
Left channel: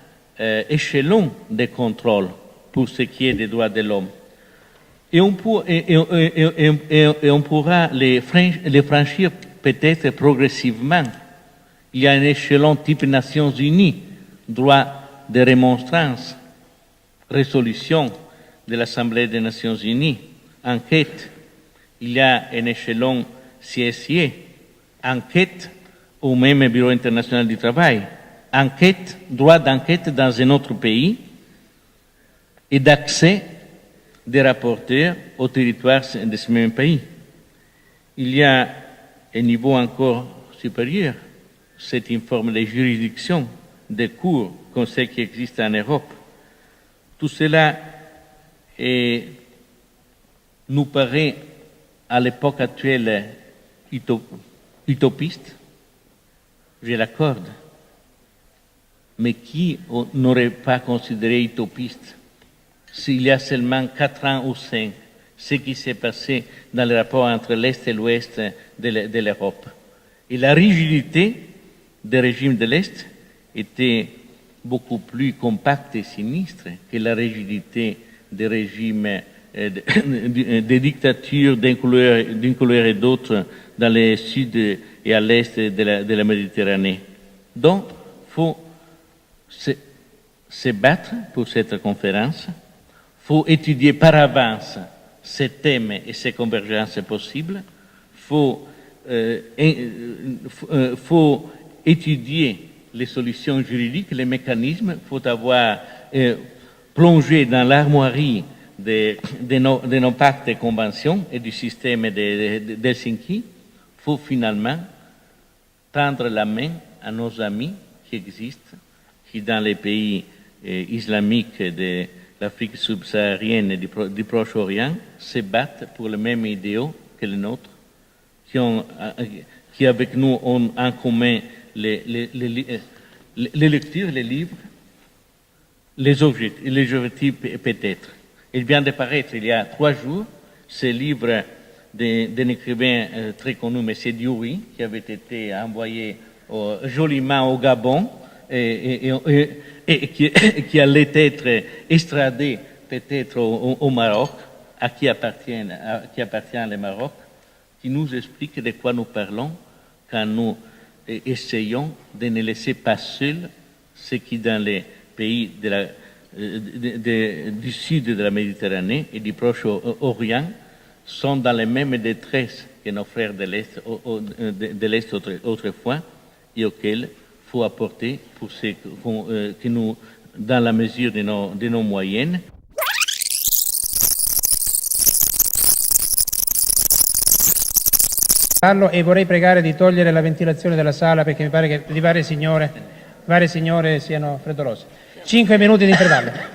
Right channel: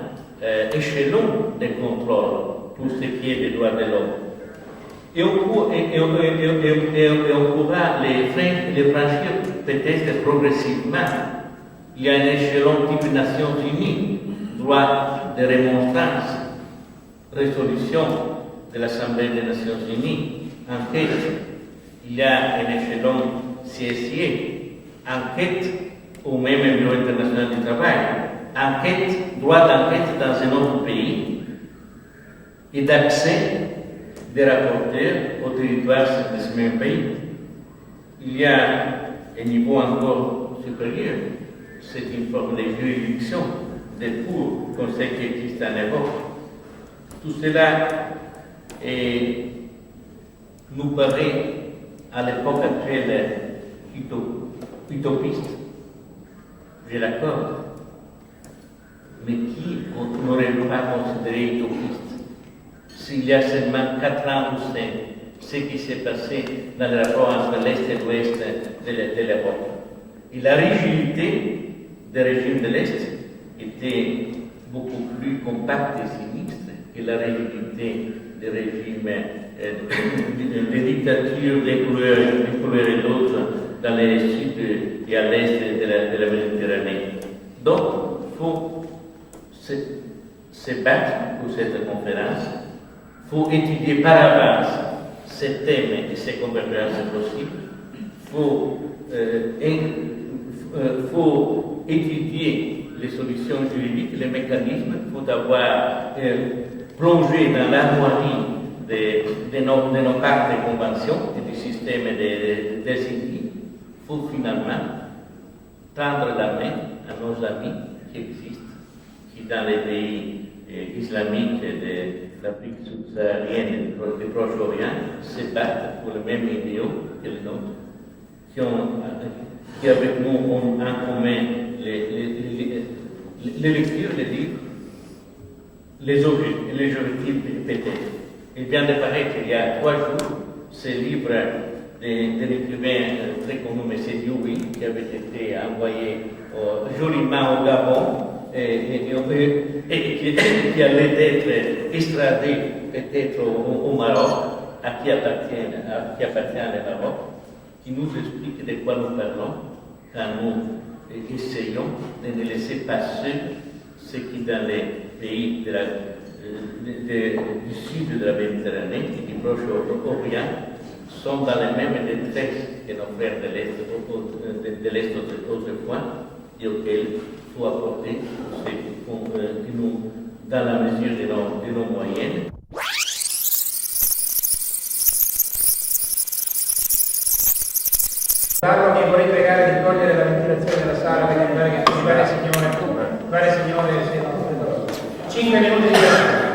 échelons de contrôle pour ce qui est des droits de l'homme. Et on pourra les franchir peut-être progressivement. Il y a un échelon type Nations Unies, droit de remonstrance, résolution de l'Assemblée des Nations Unies, enquête. Il y a un échelon CSIE, enquête au même Bureau international du travail, enquête, droit d'enquête dans un autre pays et d'accès des rapporteurs au territoire de ce même pays. Il y a un niveau encore supérieur, c'est une forme de juridiction, de cours comme celle qui existe en Europe. Tout cela nous paraît à l'époque actuelle utopiste, je l'accorde, mais qui n'aurait pas considéré utopiste s'il y a seulement 4 ans ou 5, ce qui s'est passé dans le rapport entre l'Est et l'Ouest de l'Europe. Et la rigidité des régimes de l'Est était beaucoup plus compacte et sinistre que la rigidité des régimes, des dictatures d'une couleur et d'autre dans le sud et à l'est de la Méditerranée. Donc, il faut se battre pour cette conférence, il faut étudier par avance ces thèmes et ces convergences possibles, il faut étudier les solutions juridiques, les mécanismes, il faut avoir plongé dans l'armoirie de nos pactes et conventions et du système d'Helsinki. Il faut finalement tendre la main à nos amis qui existent, qui dans les pays islamiques de l'Afrique subsaharienne et du Proche-Orient se battent pour les mêmes idéaux que les nôtres, qui avec nous ont en commun les lectures, les livres, les objectifs peut-être. Il vient de paraître il y a 3 jours ce livre d'un écrivain très connu, M. Dioui, qui avait été envoyé joliment au Gabon et qui allait être extradé peut-être au Maroc, à qui appartient le Maroc, qui nous explique de quoi nous parlons quand nous essayons de ne laisser pas seuls ceux qui dans les pays du sud de la Méditerranée et du Proche-Orient sont dans les mêmes détresses que nos frères de l'Est autrefois et auxquels il faut apporter tout ce que nous, dans la mesure de nos moyens. E vorrei pregare di togliere la ventilazione della sala perché mi pare che le varie signore siano freddolose. 5 minuti di intervento.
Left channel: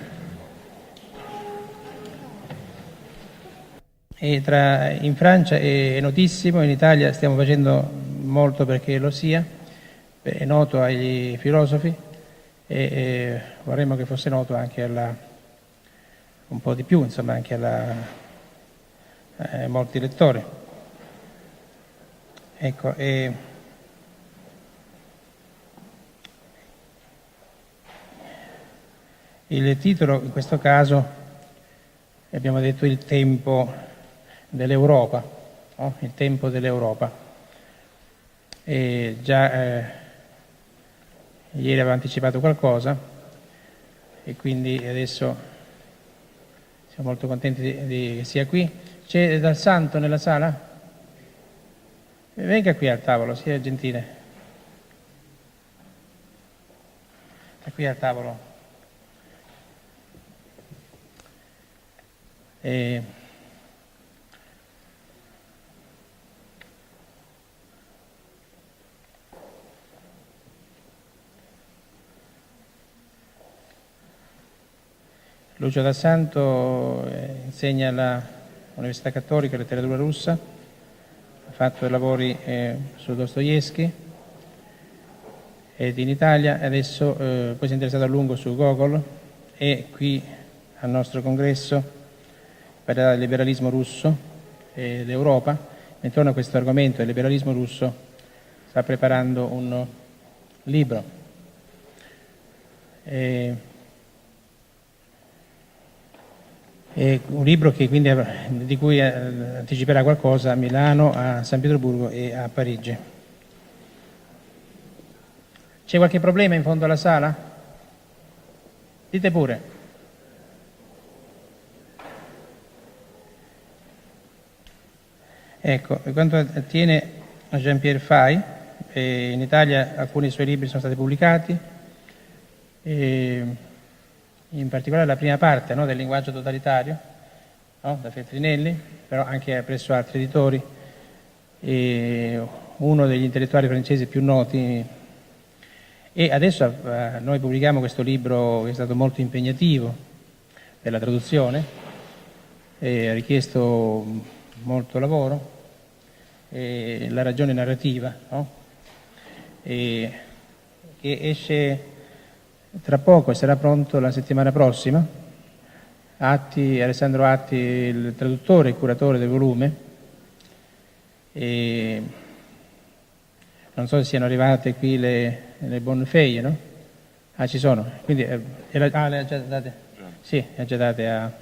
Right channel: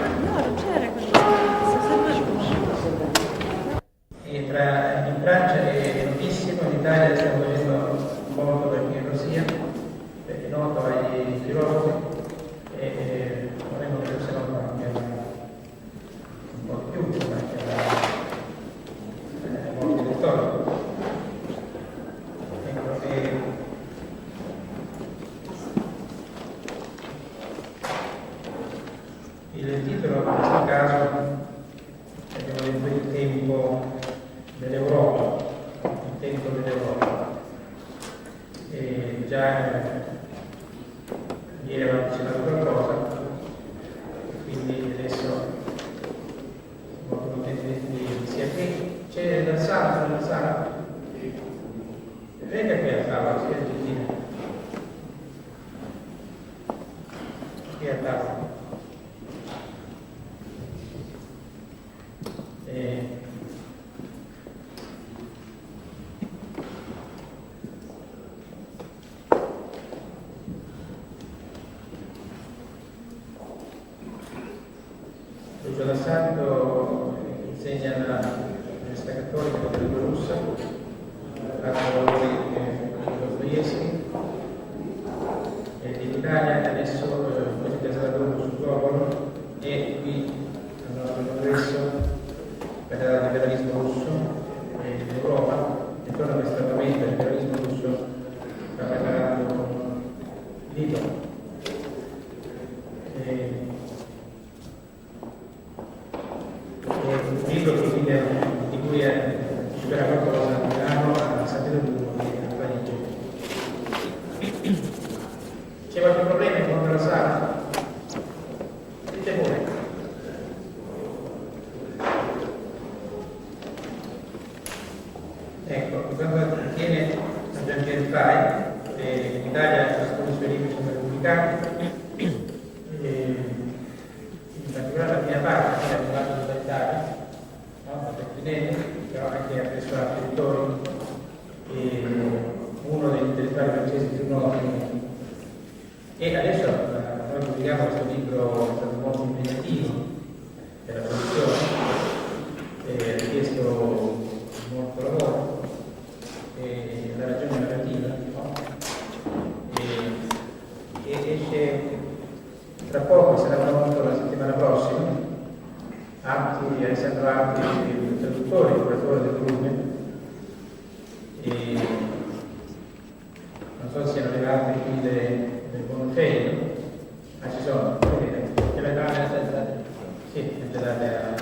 In Francia è notissimo, in Italia stiamo facendo molto perché lo sia, è noto agli filosofi e vorremmo che fosse noto anche un po' di più, insomma, anche a molti lettori. Ecco, il titolo in questo caso abbiamo detto il tempo dell'Europa, no? Il tempo dell'Europa. E già ieri avevo anticipato qualcosa e quindi adesso siamo molto contenti di sia qui. C'è Dal Santo nella sala? Venga qui al tavolo, sia gentile. Qui al tavolo. Lucio Dal Santo insegna all'Università Cattolica di Letteratura russa, ha fatto lavori su Dostoevskij ed in Italia adesso poi si è interessato a lungo su Gogol e qui al nostro congresso parlerà del liberalismo russo e dell'Europa. Intorno a questo argomento del liberalismo russo sta preparando un libro. Un libro che quindi, di cui anticiperà qualcosa a Milano, a San Pietroburgo e a Parigi. C'è qualche problema in fondo alla sala? Dite pure. Ecco, per quanto attiene a Jean-Pierre Fay, in Italia alcuni suoi libri sono stati pubblicati, in particolare la prima parte, no, del linguaggio totalitario, no, da Feltrinelli, però anche presso altri editori, uno degli intellettuali francesi più noti. E adesso noi pubblichiamo questo libro che è stato molto impegnativo per la traduzione, ha richiesto molto lavoro, la ragione narrativa, no? E esce tra poco, sarà pronto la settimana prossima. Alessandro Atti, il traduttore e curatore del volume, e non so se siano arrivate qui le bonne feuille, no? Ah, ci sono, quindi le ha già date? Sì, le ha già date a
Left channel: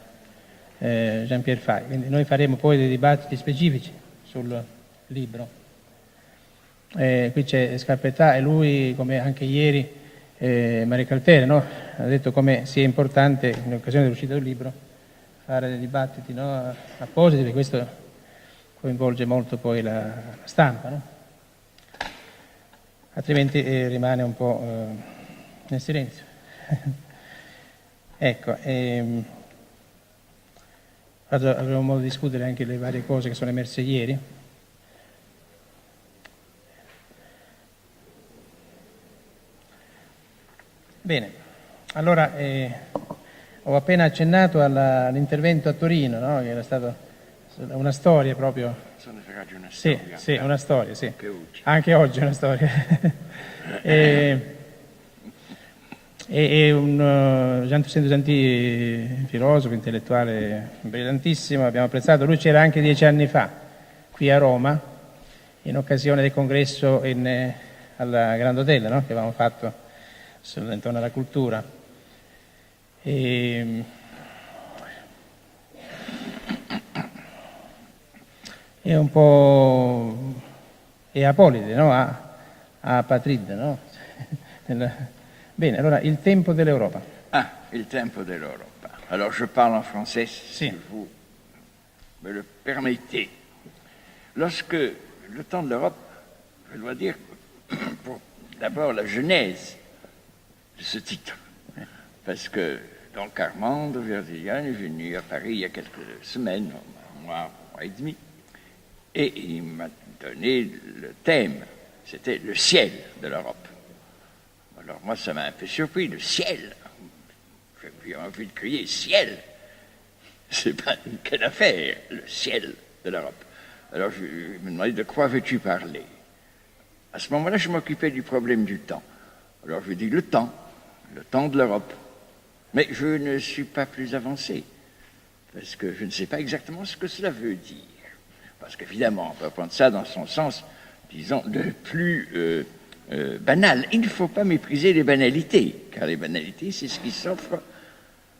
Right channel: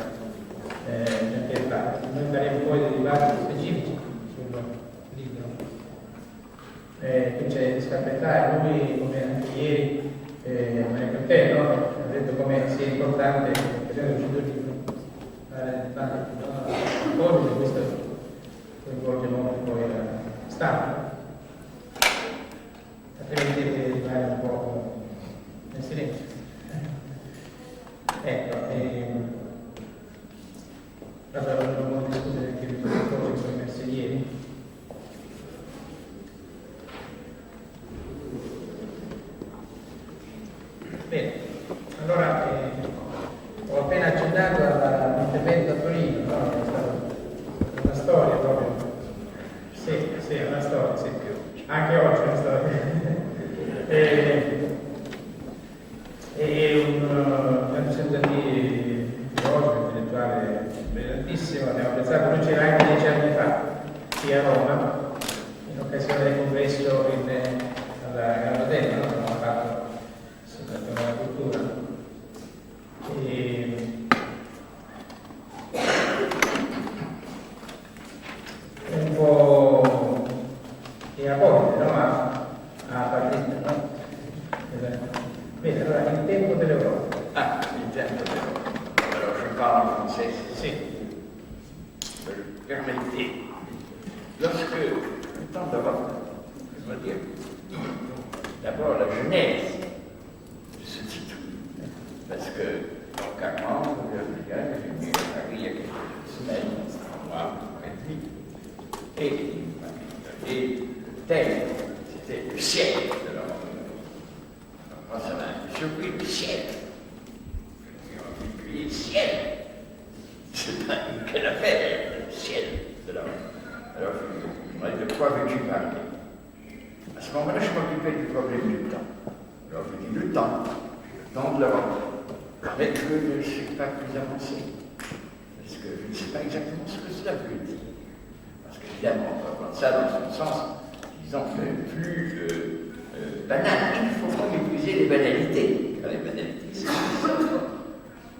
Jean-Pierre Fay. Quindi noi faremo poi dei dibattiti specifici sul libro. Qui c'è Scarpettà e lui, come anche ieri, Maria Calpere, no? Ha detto come sia importante in occasione dell'uscita del libro fare dei dibattiti, no? Appositi, questo coinvolge molto poi la stampa, no? Altrimenti rimane un po' nel silenzio. Ecco, avremo modo di discutere anche le varie cose che sono emerse ieri. Bene, allora ho appena accennato all'intervento a Torino, no? Era stata una storia proprio. Sì, una storia, sì. Anche oggi è una storia. Gian Tossendo Santi, filosofo, intellettuale brillantissimo, abbiamo apprezzato. Lui c'era anche 10 anni fa qui a Roma, in occasione del congresso alla Grand Hotel, no? Che avevamo fatto intorno alla cultura. È un po' apolide, no? A Patride, no? Bene, allora il tempo dell'Europa. Ah, il tempo dell'Europa. Alors je parle en français, si vous me le permettez. Lorsque le temps de l'Europe, je dois dire, d'abord la genèse de ce titre, parce que Paul Carmand de Verdigan est venu à Paris il y a quelques semaines, un mois et demi, et il m'a donné le thème, c'était le ciel de l'Europe. Alors moi ça m'a un peu surpris, le ciel. J'ai envie de crier ciel. C'est pas une quelle affaire, le ciel de l'Europe. Alors je me demandais de quoi veux-tu parler. À ce moment-là, je m'occupais du problème du temps. Alors je dis le temps de l'Europe. Mais je ne suis pas plus avancé, parce que je ne sais pas exactement ce que cela veut dire. Parce qu'évidemment, on peut prendre ça dans son sens, disons, le plus banal. Il ne faut pas mépriser les banalités, car les banalités, c'est ce qui s'offre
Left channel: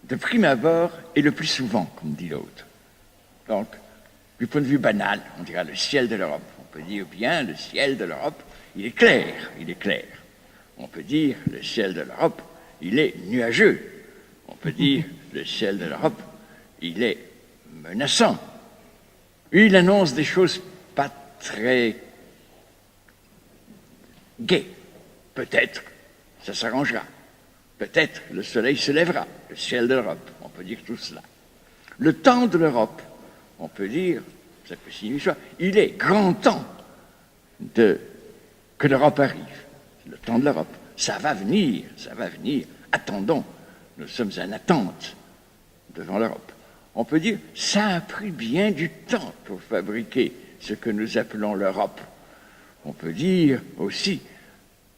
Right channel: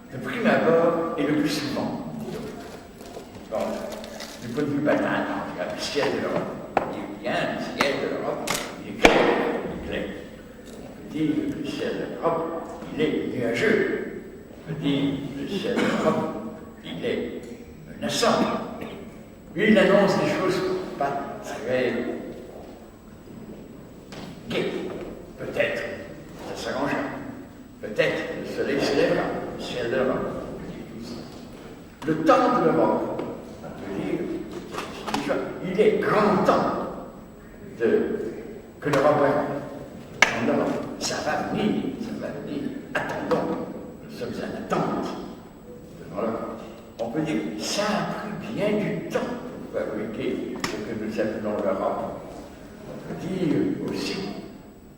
de prime abord et le plus souvent, comme dit l'autre. Donc, du point de vue banal, on dira le ciel de l'Europe. On peut dire bien, le ciel de l'Europe, il est clair, il est clair. On peut dire, le ciel de l'Europe, il est nuageux. On peut dire, le ciel de l'Europe, il est menaçant. Il annonce des choses pas très gaies. Peut-être, ça s'arrangera. Peut-être, le soleil se lèvera, le ciel de l'Europe. On peut dire tout cela. Le temps de l'Europe, on peut dire, il est grand temps que l'Europe arrive. Le temps de l'Europe, ça va venir. Attendons, nous sommes en attente devant l'Europe. On peut dire, ça a pris bien du temps pour fabriquer ce que nous appelons l'Europe. On peut dire aussi,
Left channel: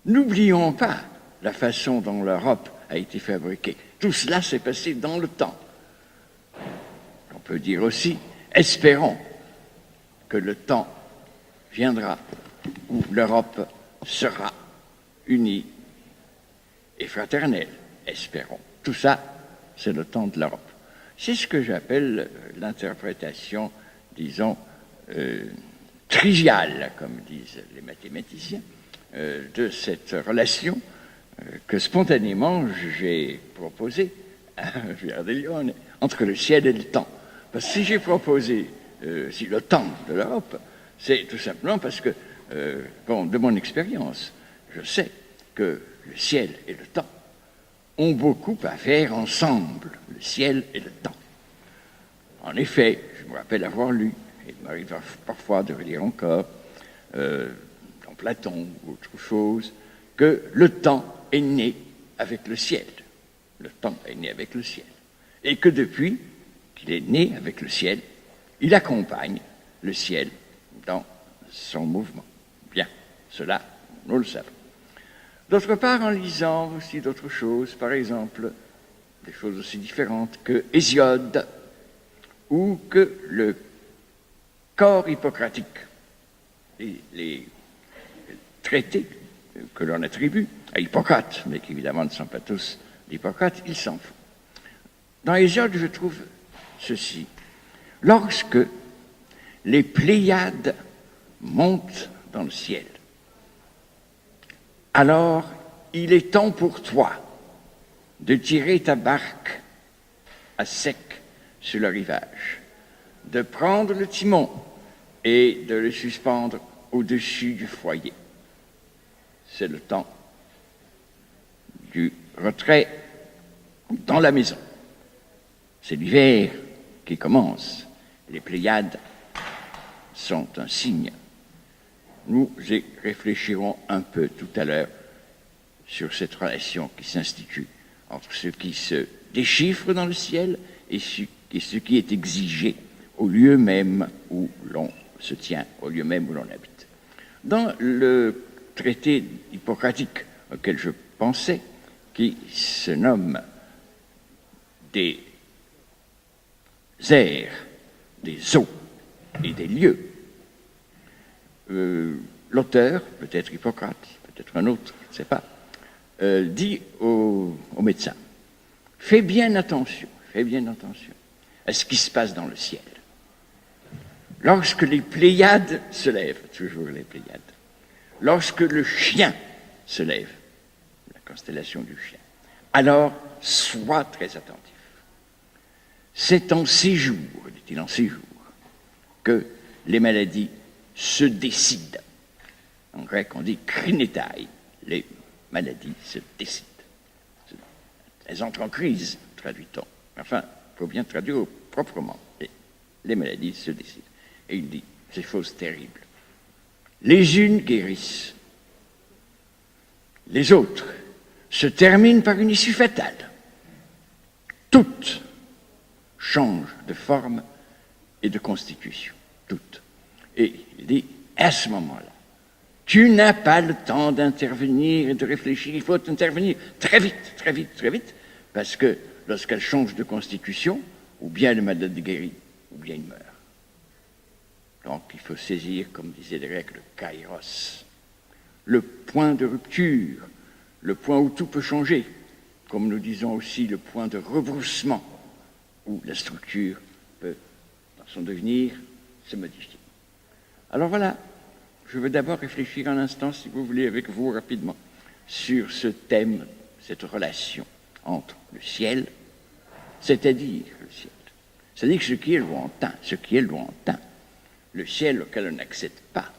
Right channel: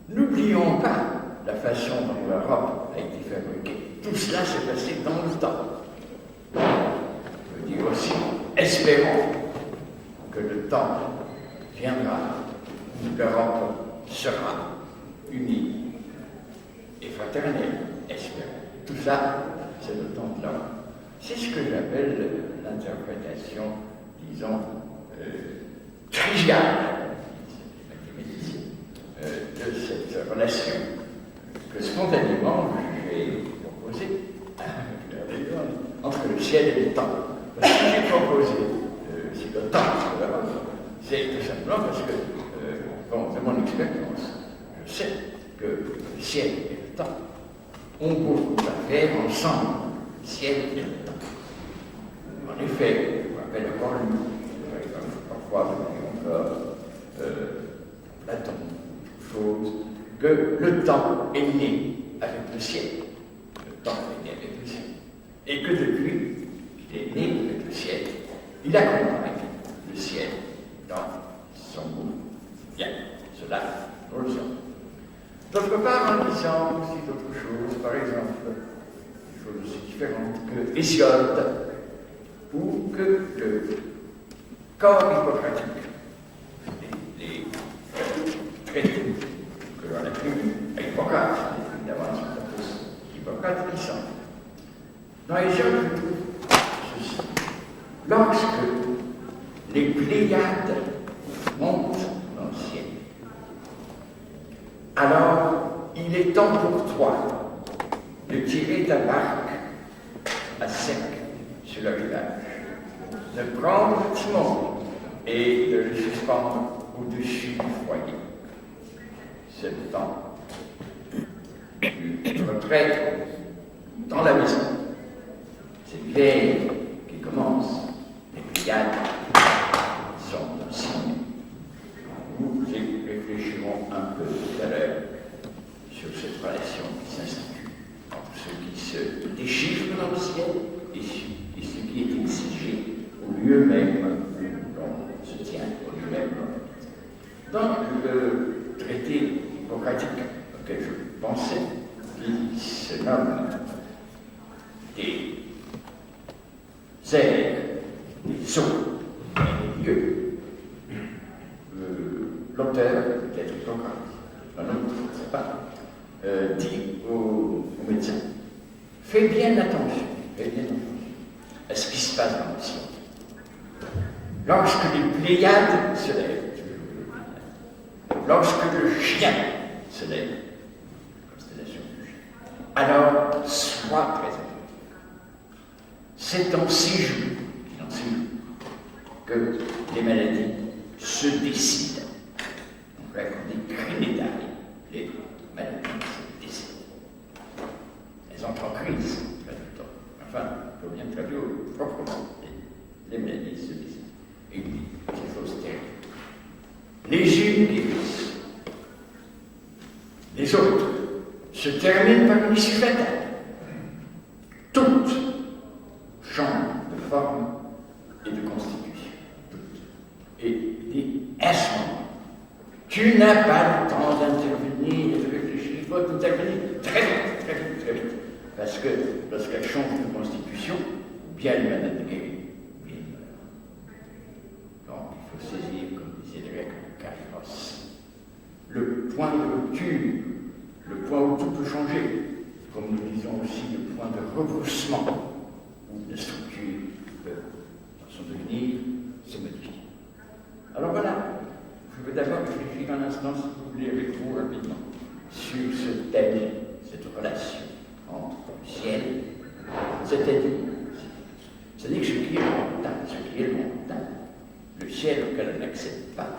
n'oublions pas la façon dont l'Europe a été fabriquée. Tout cela s'est passé dans le temps. On peut dire aussi, espérons que le temps viendra où l'Europe sera unie et fraternelle, espérons. Tout ça, c'est le temps de l'Europe. C'est ce que j'appelle l'interprétation, disons, triviale, comme disent les mathématiciens, de cette relation que spontanément j'ai proposée à Giardellone entre le ciel et le temps. Parce que si j'ai proposé si le temps de l'Europe, c'est tout simplement parce que, de mon expérience, je sais que le ciel et le temps ont beaucoup à faire ensemble, le ciel et le temps. En effet, je me rappelle avoir lu, il m'arrive parfois de relire encore, dans Platon ou autre chose, que le temps est né avec le ciel. Le temps est né avec le ciel. Et que depuis qu'il est né avec le ciel, il accompagne le ciel dans son mouvement. Bien, cela, nous le savons. D'autre part, en lisant aussi d'autres choses, par exemple, des choses aussi différentes que Hésiode ou que le corps hippocratique, les traités que l'on attribue à Hippocrate, mais qui évidemment ne sont pas tous d'Hippocrate, ils s'en font. Dans Hésiode, je trouve ceci. Lorsque les Pléiades montent dans le ciel, alors il est temps pour toi de tirer ta barque à sec sur le rivage, de prendre le timon et de le suspendre au-dessus du foyer. C'est le temps du retrait dans la maison. C'est l'hiver qui commence. Les Pléiades sont un signe. Nous y réfléchirons un peu tout à l'heure sur cette relation qui s'institue entre ce qui se déchiffre dans le ciel et ce qui est exigé au lieu même où l'on se tient, au lieu même où l'on habite. Dans le traité hippocratique auquel je pensais, qui se nomme des airs, des eaux et des lieux, l'auteur, peut-être Hippocrate, peut-être un autre, je ne sais pas, dit au médecin, fais bien attention à ce qui se passe dans le ciel. Lorsque les Pléiades se lèvent, toujours les Pléiades, lorsque le chien se lève, la constellation du chien, alors sois très attentif. C'est en ces jours, dit-il en ces jours, que les maladies se décident. En grec, on dit krinétai, les maladies se décident. Elles entrent en crise, traduit-on. Enfin, il faut bien traduire proprement. Les maladies se décident. Et il dit des choses terribles. Les unes guérissent, les autres se terminent par une issue fatale. Toutes changent de forme et de constitution. Toutes. Et il dit, à ce moment, tu n'as pas le temps d'intervenir et de réfléchir. Il faut intervenir très vite, parce que lorsqu'elle change de constitution, ou bien le malade guérit, ou bien il meurt. Donc il faut saisir, comme disaient les Grecs, le kairos, le point de rupture, le point où tout peut changer, comme nous disons aussi le point de rebroussement, où la structure peut, dans son devenir, se modifier. Alors voilà, je veux d'abord réfléchir un instant, si vous voulez, avec vous rapidement, sur ce thème, cette relation entre le ciel, c'est-à-dire le ciel. C'est-à-dire ce qui est lointain, le ciel auquel on n'accède pas,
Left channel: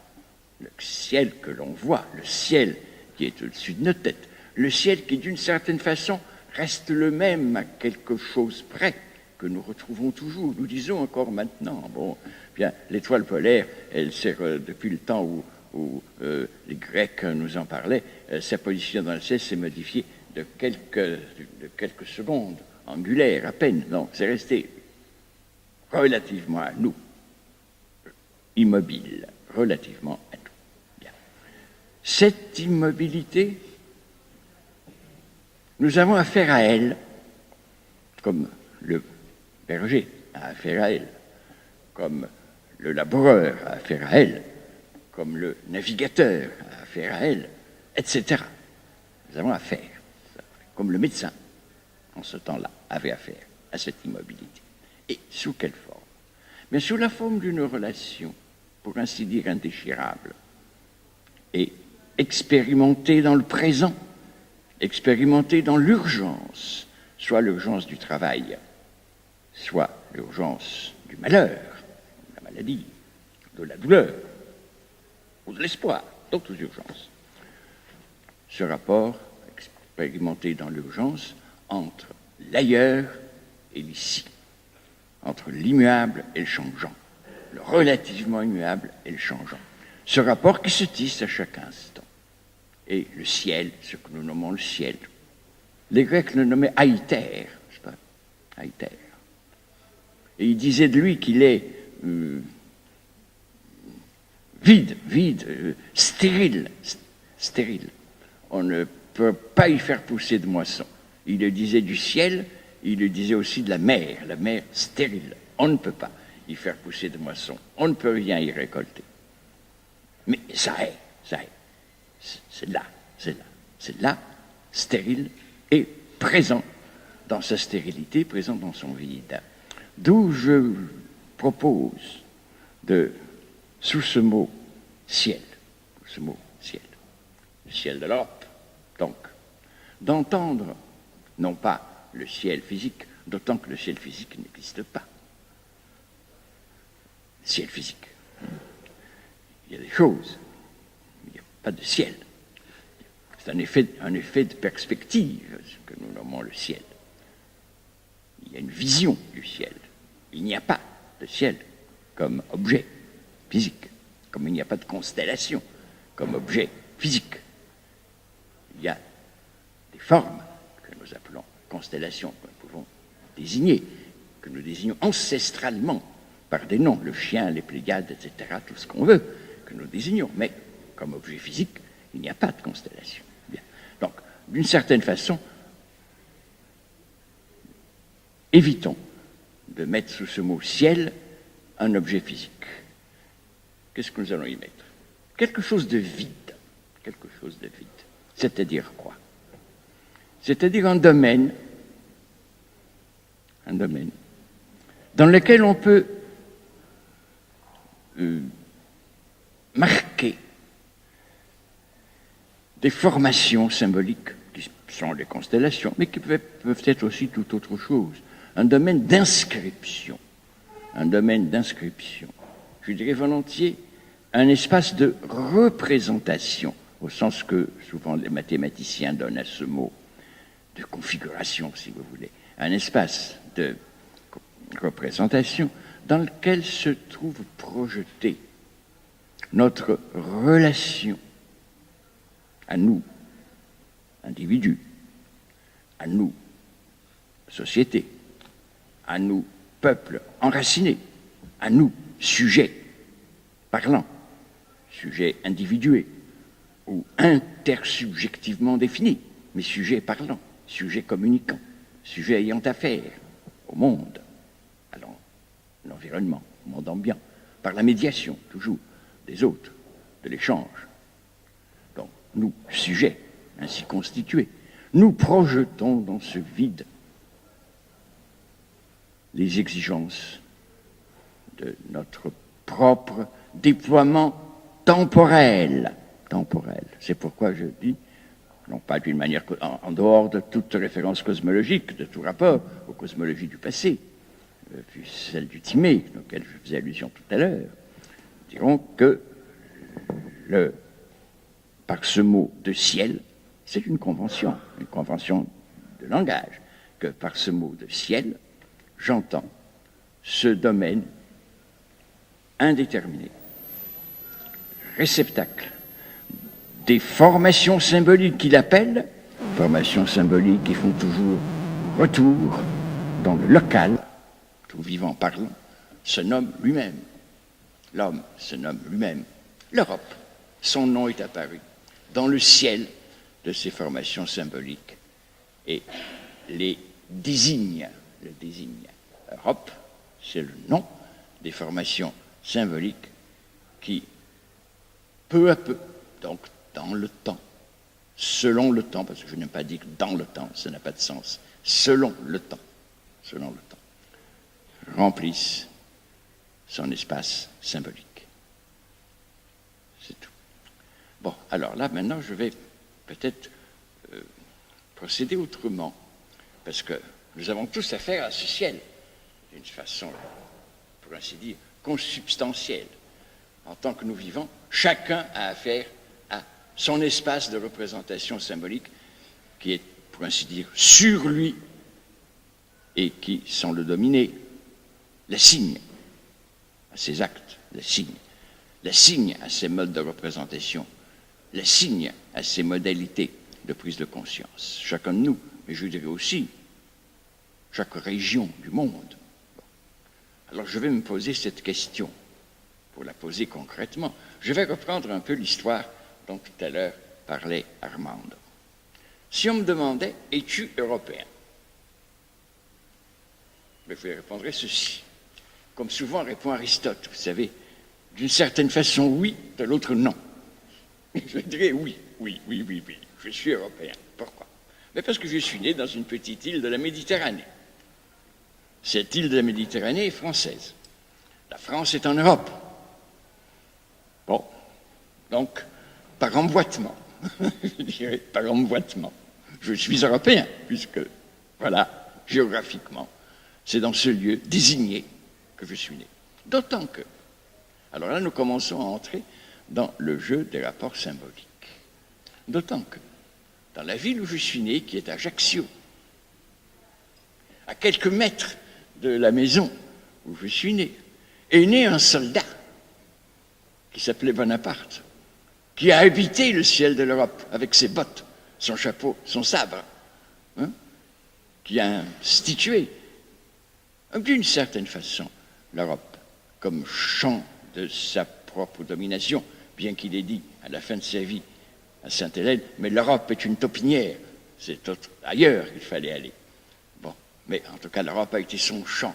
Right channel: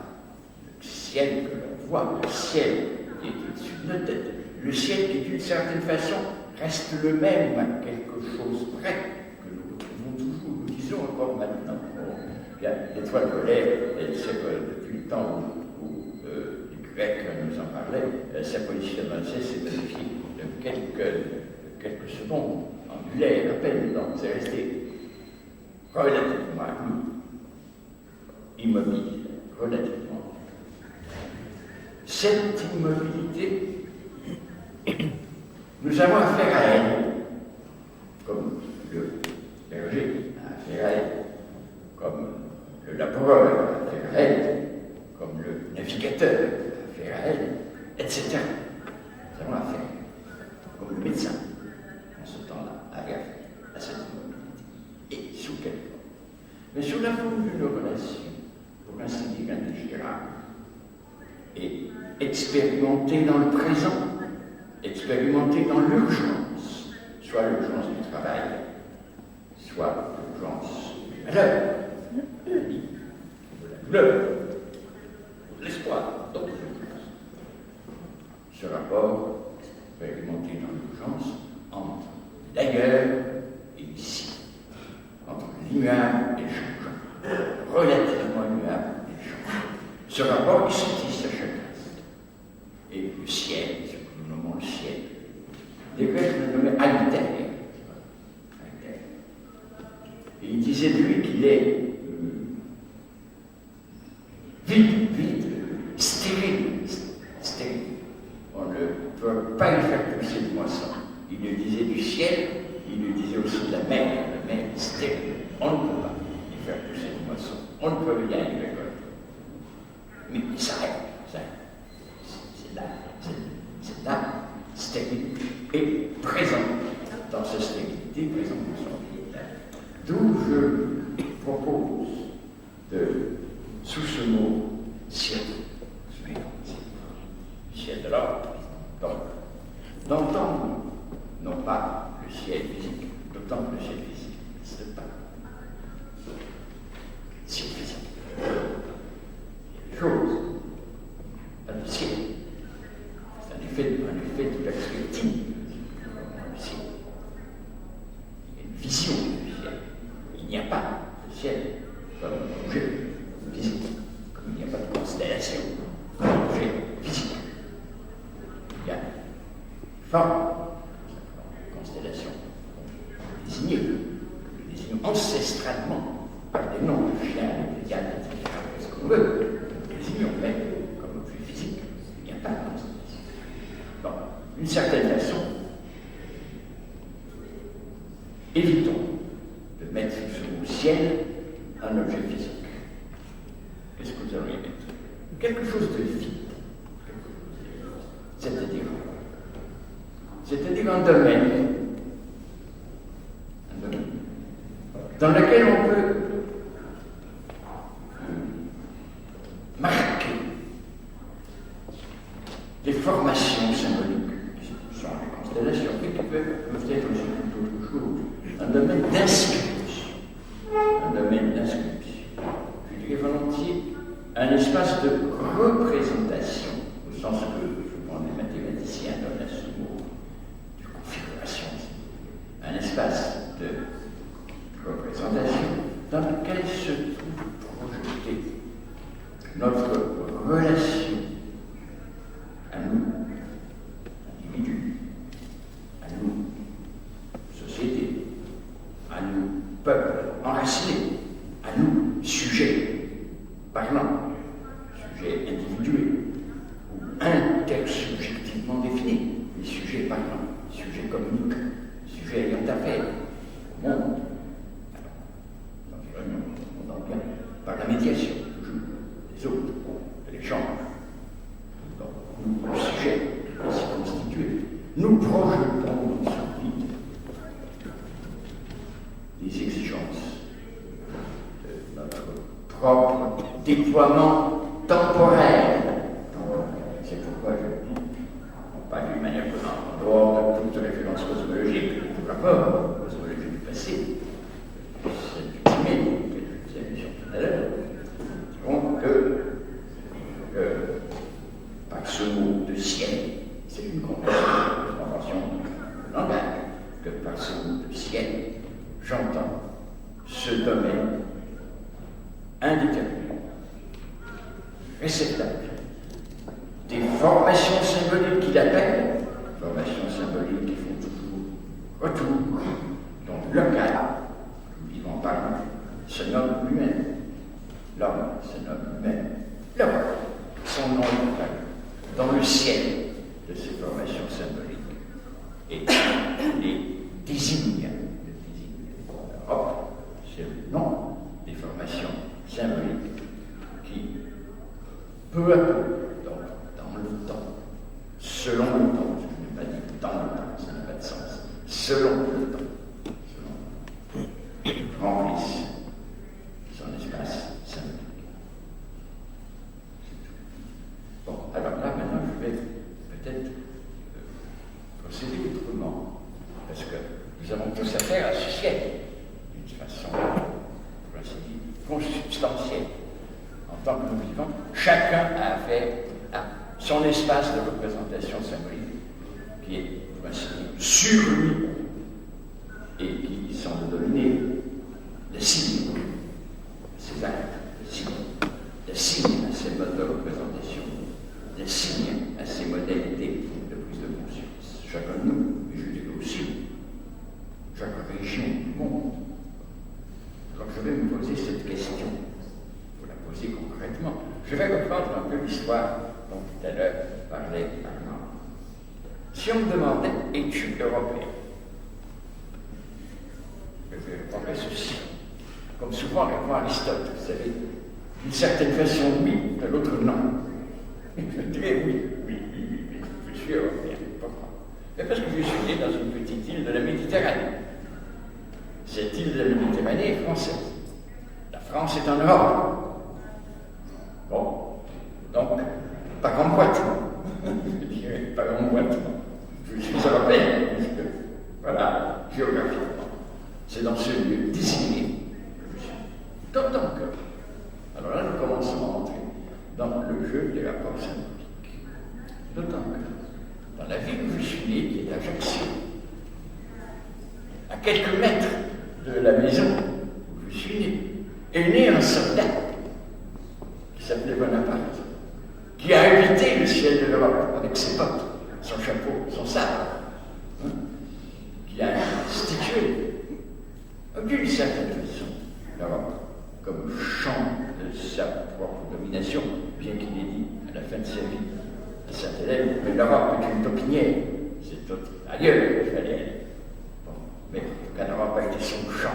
le ciel que l'on voit, le ciel qui est au-dessus de notre tête, le ciel qui, d'une certaine façon, reste le même à quelque chose près, que nous retrouvons toujours, nous disons encore maintenant. Bon, bien, l'étoile polaire, elle sert depuis le temps où les Grecs nous en parlaient, sa position dans le ciel s'est modifiée de quelques secondes, angulaires à peine, donc c'est resté relativement à nous, immobile, relativement à nous. Cette immobilité, nous avons affaire à elle, comme le berger a affaire à elle, comme le laboureur a affaire à elle, comme le navigateur a affaire à elle, etc. Nous avons affaire, comme le médecin, en ce temps-là, avait affaire à cette immobilité. Et sous quelle forme? Mais sous la forme d'une relation, pour ainsi dire, indéchirable, et expérimentée dans le présent, expérimentée dans l'urgence, soit l'urgence du travail, soit l'urgence du malheur, la maladie, de la douleur, ou de l'espoir, d'autres urgences. Ce rapport expérimenté dans l'urgence entre l'ailleurs et l'ici, entre l'immuable et le changeant, relativement immuable et le changeant. Ce rapport qui se tisse à chaque instant. Et le ciel, ce que nous nommons le ciel, les Grecs le nommaient Aïter, n'est-ce pas? Aïter. Et ils disaient de lui qu'il est vide, stérile. On ne peut pas y faire pousser de moisson. Il le disait du ciel, il le disait aussi de la mer stérile. On ne peut pas y faire pousser de moisson. On ne peut rien y récolter. Mais ça est. C'est là. C'est là, stérile, et présent dans sa stérilité, présent dans son véritable. D'où je propose sous ce mot ciel, le ciel de l'ordre, donc, d'entendre non pas le ciel physique, d'autant que le ciel physique n'existe pas. Ciel physique. Il y a des choses, il n'y a pas de ciel. C'est un effet de perspective, ce que nous nommons le ciel. Il y a une vision du ciel. Il n'y a pas de ciel comme objet physique, comme il n'y a pas de constellation comme objet physique. Il y a des formes que nous appelons constellations, que nous pouvons désigner, que nous désignons ancestralement par des noms, le chien, les Pléiades, etc., tout ce qu'on veut, que nous désignons, mais comme objet physique, il n'y a pas de constellation. Donc, d'une certaine façon, évitons de mettre sous ce mot ciel un objet physique. Qu'est-ce que nous allons y mettre? Quelque chose de vide. Quelque chose de vide. C'est-à-dire quoi? C'est-à-dire un domaine dans lequel on peut marquer des formations symboliques qui sont des constellations, mais qui peuvent être aussi tout autre chose. Un domaine d'inscription. Je dirais volontiers un espace de représentation, au sens que souvent les mathématiciens donnent à ce mot, de configuration, si vous voulez. Un espace de représentation dans lequel se trouve projetée notre relation à nous, individus, à nous, société, à nous, peuple enraciné, à nous, sujets parlants, sujets individués ou intersubjectivement définis, mais sujets parlants, sujets communicants, sujets ayant affaire au monde, à l'environnement, au monde ambiant, par la médiation, toujours, des autres, de l'échange. Donc, nous, sujets ainsi constitués, nous projetons dans ce vide les exigences de notre propre déploiement temporel. C'est pourquoi je dis, non pas d'une manière en dehors de toute référence cosmologique, de tout rapport, cosmologie du passé, celle du Timée, auquel je faisais allusion tout à l'heure, nous dirons que par ce mot de ciel, c'est une convention de langage, que par ce mot de ciel, j'entends ce domaine indéterminé, réceptacle des formations symboliques qu'il appelle, formations symboliques qui font toujours retour dans le local, tout vivant parlant, se nomme lui-même. L'homme se nomme lui-même. L'Europe, son nom est apparu dans le ciel de ces formations symboliques et les désigne. L'Europe, c'est le nom des formations symboliques qui, peu à peu, donc dans le temps, selon le temps, parce que je n'ai pas dit que dans le temps, ça n'a pas de sens, selon le temps, remplissent son espace symbolique. C'est tout. Bon, alors là, maintenant, je vais peut-être procéder autrement, parce que nous avons tous affaire à ce ciel, d'une façon, pour ainsi dire, consubstantielle. En tant que nous vivons, chacun a affaire à son espace de représentation symbolique qui est, pour ainsi dire, sur lui et qui, sans le dominer, le signe à ses actes, le signe à ses modes de représentation, le signe à ses modalités de prise de conscience. Chacun de nous, et je dirais aussi, chaque région du monde. Alors je vais me poser cette question, pour la poser concrètement. Je vais reprendre un peu l'histoire dont tout à l'heure parlait Armando. Si on me demandait, es-tu européen? Je répondrais ceci. Comme souvent répond Aristote, vous savez, d'une certaine façon oui, de l'autre non. Je dirais oui. je suis européen, pas moi. Mais parce que je suis né dans une petite île de la Méditerranée. Cette île de la Méditerranée est française. La France est en Europe. Bon, donc, par emboîtement, je dirais par emboîtement, je suis européen, puisque, voilà, géographiquement, c'est dans ce lieu désigné que je suis né. D'autant que, alors là, nous commençons à entrer dans le jeu des rapports symboliques. D'autant que, dans la ville où je suis né, qui est Ajaccio, à quelques mètres de la maison où je suis né, est né un soldat qui s'appelait Bonaparte, qui a habité le ciel de l'Europe avec ses bottes, son chapeau, son sabre, hein, qui a institué, d'une certaine façon, l'Europe comme champ de sa propre domination, bien qu'il ait dit à la fin de sa vie à Sainte-Hélène, mais l'Europe est une taupinière, c'est ailleurs qu'il fallait aller. Bon, mais en tout cas, l'Europe a été son champ.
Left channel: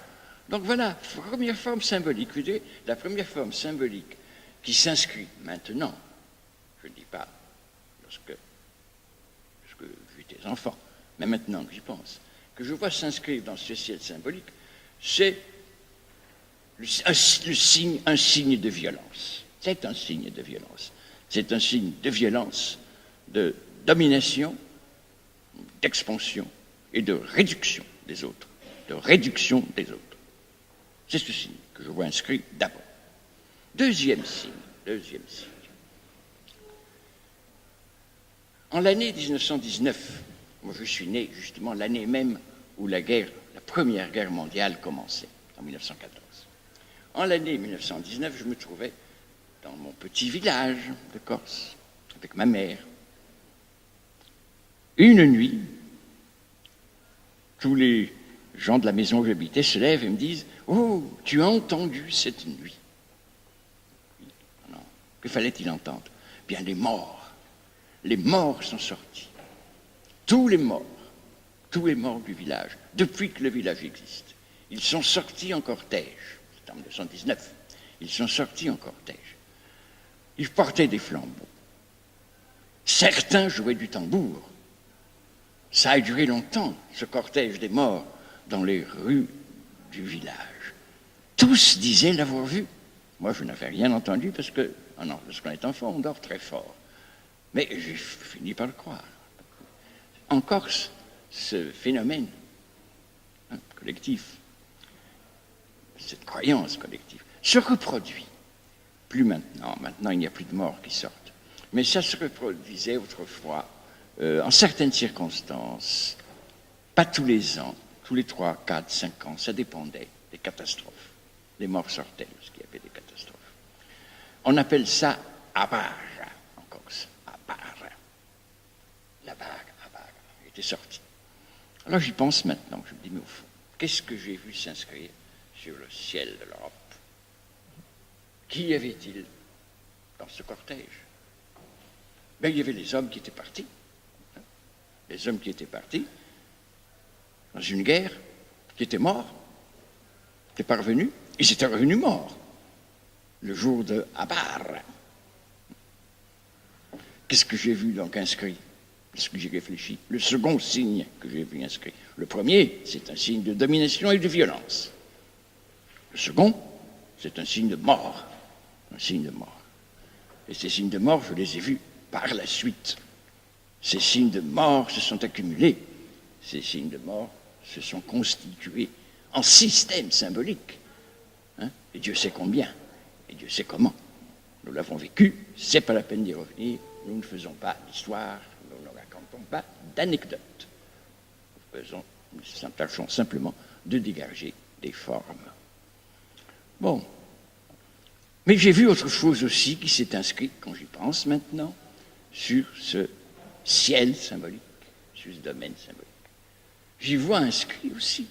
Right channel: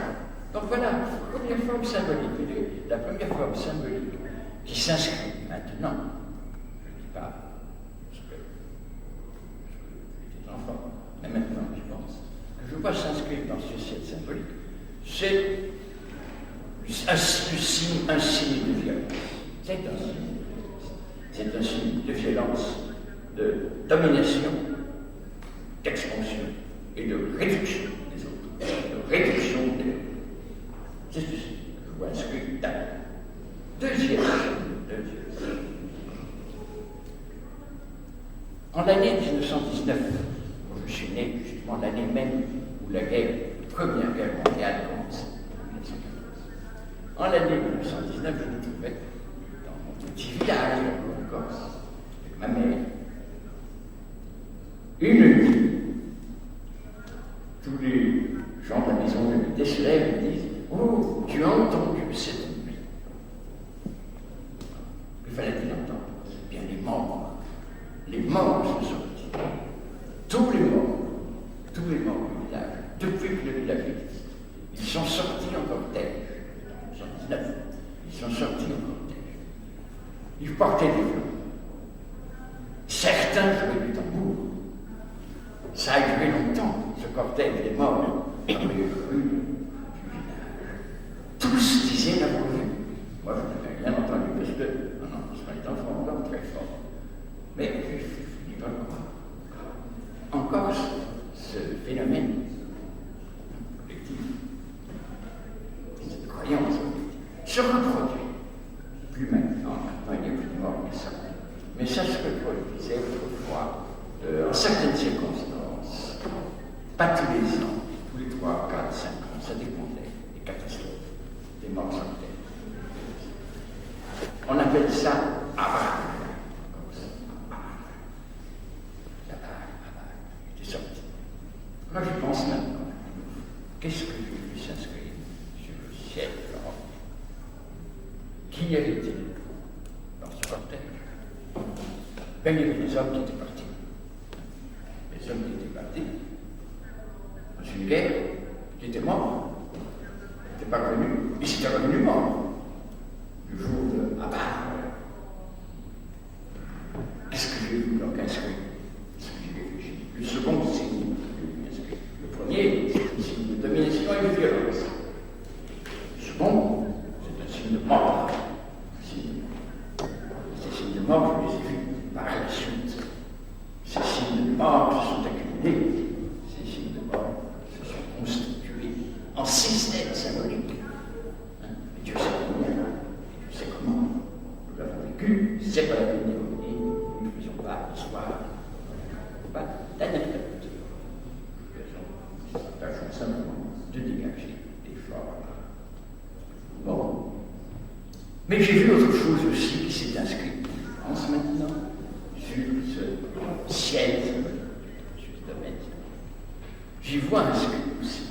Donc voilà, la première forme symbolique, vous voyez, la première forme symbolique qui s'inscrit maintenant, je ne dis pas parce que j'ai des enfants, mais maintenant que j'y pense, que je vois s'inscrire dans ce ciel symbolique, c'est un signe de violence. C'est un signe de violence. C'est un signe de violence, de domination, d'expansion et de réduction des autres. De réduction des autres. C'est ceci que je vois inscrit là. Deuxième signe. En l'année 1919, où je suis né, justement l'année même où la Première Guerre mondiale commençait, en 1914. En l'année 1919, je me trouvais dans mon petit village en Corse, avec ma mère. Une nuit, tous les gens de la maison où j'habitais se lèvent et me disent « Oh, tu as entendu cette nuit ?» Que fallait-il entendre? Bien les morts. Les morts sont sortis. Tous les morts du village, depuis que le village existe. Ils sont sortis en cortège. C'est en 1919. Ils sont sortis en cortège. Ils portaient des flammes. Certains jouaient du tambour. Ça a duré longtemps, ce cortège des morts, dans les rues du village. Tous disaient l'avoir vu. Moi, je n'avais rien entendu parce qu'on est enfant, on dort très fort. Mais j'ai fini par le croire. En Corse, ce phénomène collectif, cette croyance collective, se reproduit. Plus maintenant. Maintenant, il n'y a plus de morts qui sortent. Mais ça se reproduisait autrefois, en certaines circonstances, pas tous les ans, tous les 3, 4, 5 ans, ça dépendait des catastrophes. Des morts sortaient, parce qu'il y avait des catastrophes. On appelle ça abar, en Corse. Abar. Il était sorti. Alors j'y pense maintenant, je me dis, mais qu'est-ce que j'ai vu s'inscrire sur le ciel de l'Europe? Qui y avait-il dans ce cortège? Ben, il y avait les hommes qui étaient partis. Les hommes qui étaient partis dans une guerre, qui étaient morts, qui étaient parvenus, ils étaient revenus morts le jour de Abar. Qu'est-ce que j'ai vu donc inscrit? Qu'est-ce que j'ai réfléchi? Le second signe que j'ai vu inscrit. Le premier, c'est un signe de domination et de violence. Le second, c'est un signe de mort. Un signe de mort. Et ces signes de mort, je les ai vus par la suite. Ces signes de mort se sont accumulés. Ces signes de mort se sont constitués en système symbolique. Hein? Et Dieu sait combien. Et Dieu sait comment. Nous l'avons vécu. C'est pas la peine d'y revenir. Nous ne faisons pas d'histoire. Nous ne racontons pas d'anecdotes. Nous tâchons simplement de dégager des formes. Bon. Mais j'ai vu autre chose aussi qui s'est inscrit, quand j'y pense maintenant, sur ce ciel symbolique, sur ce domaine symbolique. J'y vois inscrit aussi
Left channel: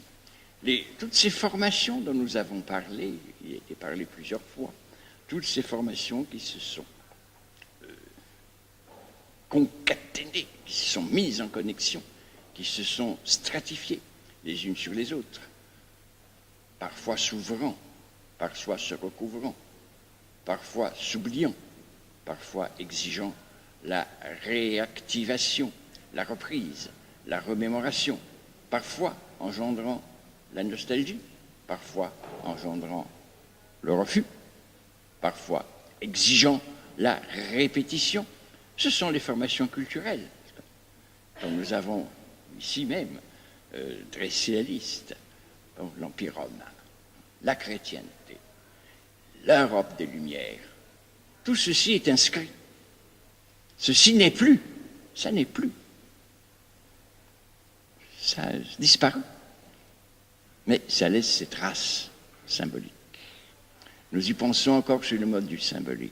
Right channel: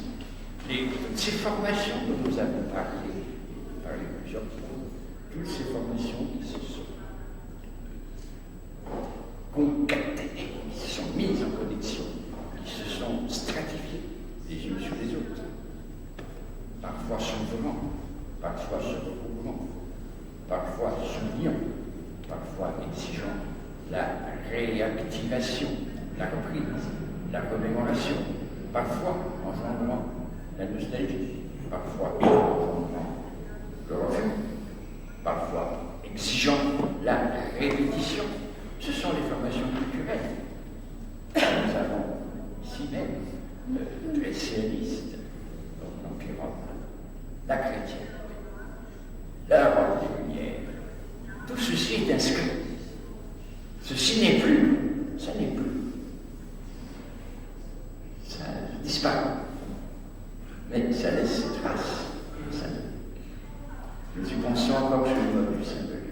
toutes ces formations dont nous avons parlé, et parlé plusieurs fois, toutes ces formations qui se sont concaténées, qui se sont mises en connexion, qui se sont stratifiées les unes sur les autres, parfois s'ouvrant, parfois se recouvrant, parfois s'oubliant, parfois exigeant la réactivation, la reprise, la remémoration, parfois engendrant la nostalgie, parfois engendrant le refus, parfois exigeant la répétition. Ce sont les formations culturelles. Nous avons ici même très réaliste, donc l'Empire romain, la chrétienté, l'Europe des Lumières. Tout ceci est inscrit. Ceci n'est plus, ça n'est plus. Ça disparaît. Mais ça laisse ses traces symboliques. Nous y pensons encore sur le mode du symbolique.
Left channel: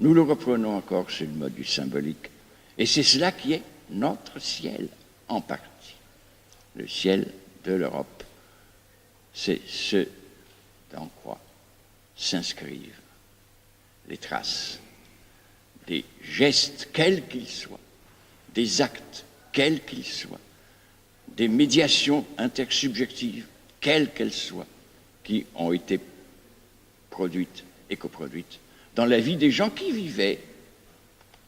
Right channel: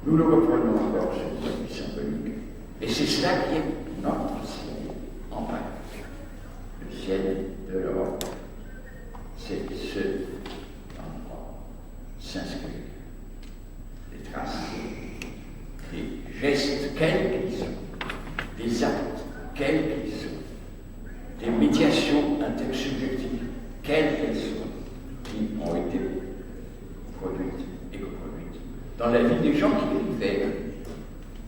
Nous le reprenons encore sur le mode du symbolique. Et c'est cela qui est notre ciel en partie. Le ciel de l'Europe, c'est ce dans quoi s'inscrivent des traces, des gestes, quels qu'ils soient, des actes, quels qu'ils soient, des médiations intersubjectives, quelles qu'elles soient, qui ont été produites et coproduites dans la vie des gens qui vivaient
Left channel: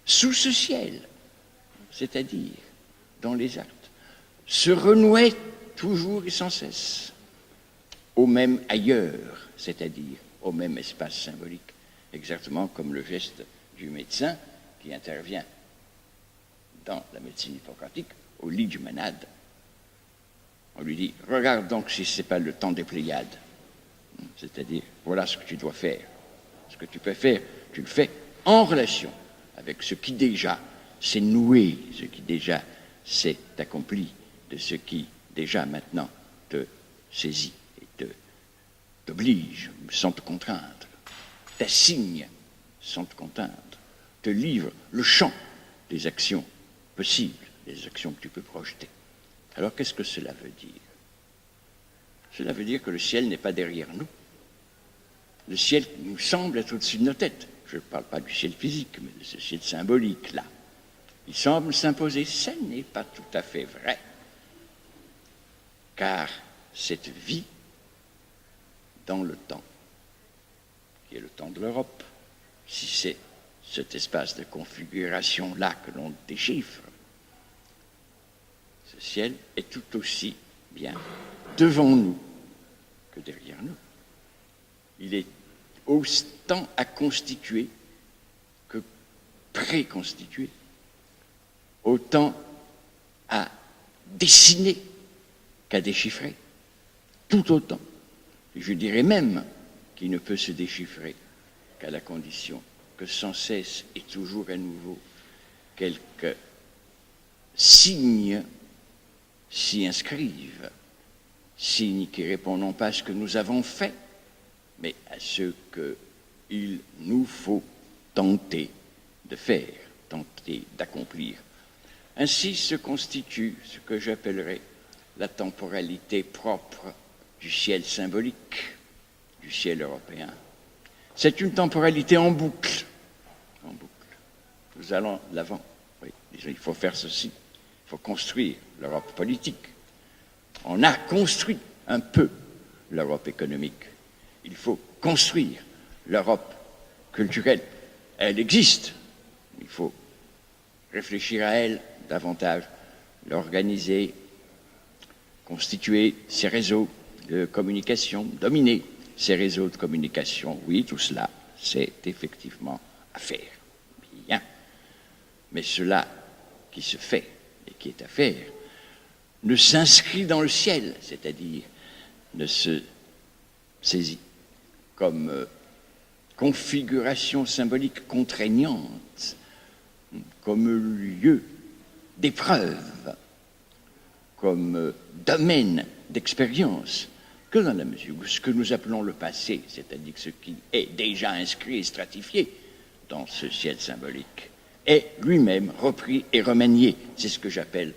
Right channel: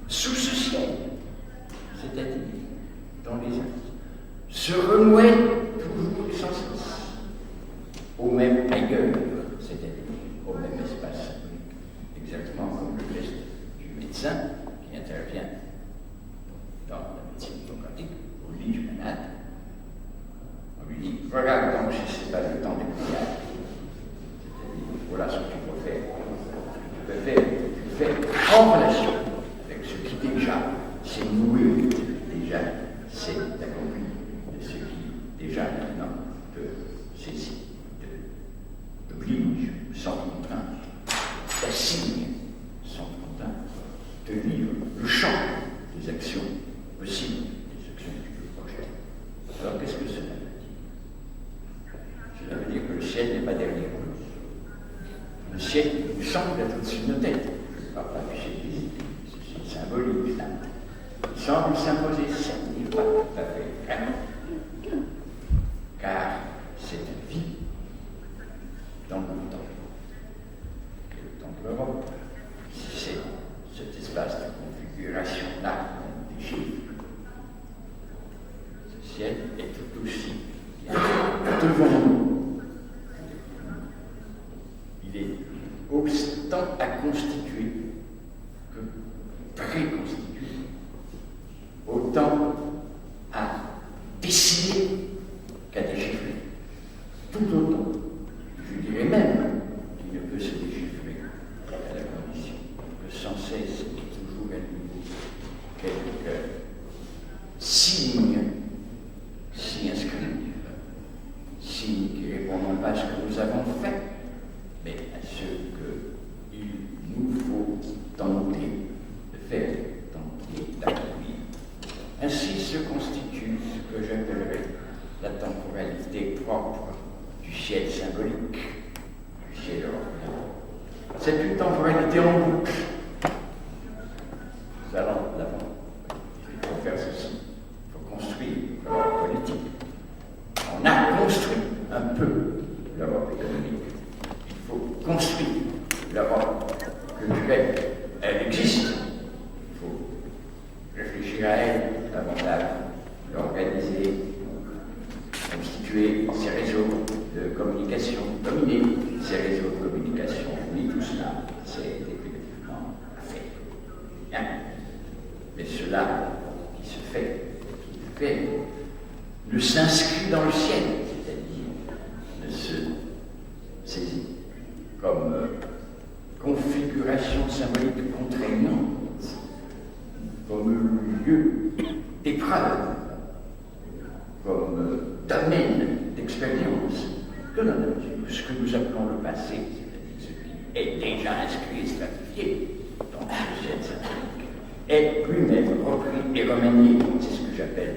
sous ce ciel, c'est-à-dire dans les actes, se renouaient toujours et sans cesse au même ailleurs, c'est-à-dire au même espace symbolique, exactement comme le geste du médecin qui intervient dans la médecine hippocratique au lit du malade. On lui dit, regarde donc si ce n'est pas le temps des Pléiades, c'est-à-dire voilà ce que tu dois faire. Ce que tu peux faire, tu le fais en relation avec ce qui déjà s'est noué, ce qui déjà s'est accompli, de ce qui déjà maintenant te saisit, t'oblige sans te contraindre, t'assigne sans te contraindre, te livre le champ des actions possibles, des actions que tu peux projeter. Alors qu'est-ce que cela veut dire? Cela veut dire que le ciel n'est pas derrière nous. Le ciel nous semble être au-dessus de nos têtes. Je ne parle pas du ciel physique, mais ce ciel symbolique là. Il semble s'imposer. Ce n'est pas tout à fait vrai. Car cette vie dans le temps, et le temps de l'Europe, si c'est cet espace de configuration-là que l'on déchiffre, ce ciel est tout aussi bien devant nous que derrière nous. Il est autant à constituer que préconstituer, autant à dessiner qu'à déchiffrer, tout autant. Je dirais même qu'il ne peut se déchiffrer qu'à la condition que sans cesse et toujours à nouveau quelques signes s'y inscrivent, signes qui répondent non pas à ce que nous avons fait, mais à ce qu'il nous faut tenter de faire, tenter d'accomplir. Ainsi se constitue ce que j'appellerais la temporalité propre du ciel symbolique, du ciel européen. C'est une temporalité en boucle. Nous allons l'avant. Oui, il faut faire ceci. Il faut construire l'Europe politique. On a construit un peu l'Europe économique. Il faut construire l'Europe culturelle. Elle existe. Il faut réfléchir à elle davantage, l'organiser, constituer ses réseaux de communication, dominer ces réseaux de communication. Oui, tout cela, c'est effectivement à faire. Bien. Mais cela qui se fait et qui est à faire ne s'inscrit dans le ciel, c'est-à-dire ne se saisit comme configuration symbolique contraignante, comme lieu d'épreuve, comme domaine d'expérience, que dans la mesure où ce que nous appelons le passé, c'est-à-dire ce qui est déjà inscrit et stratifié dans ce ciel symbolique, est lui-même repris et remanié. C'est ce que j'appelle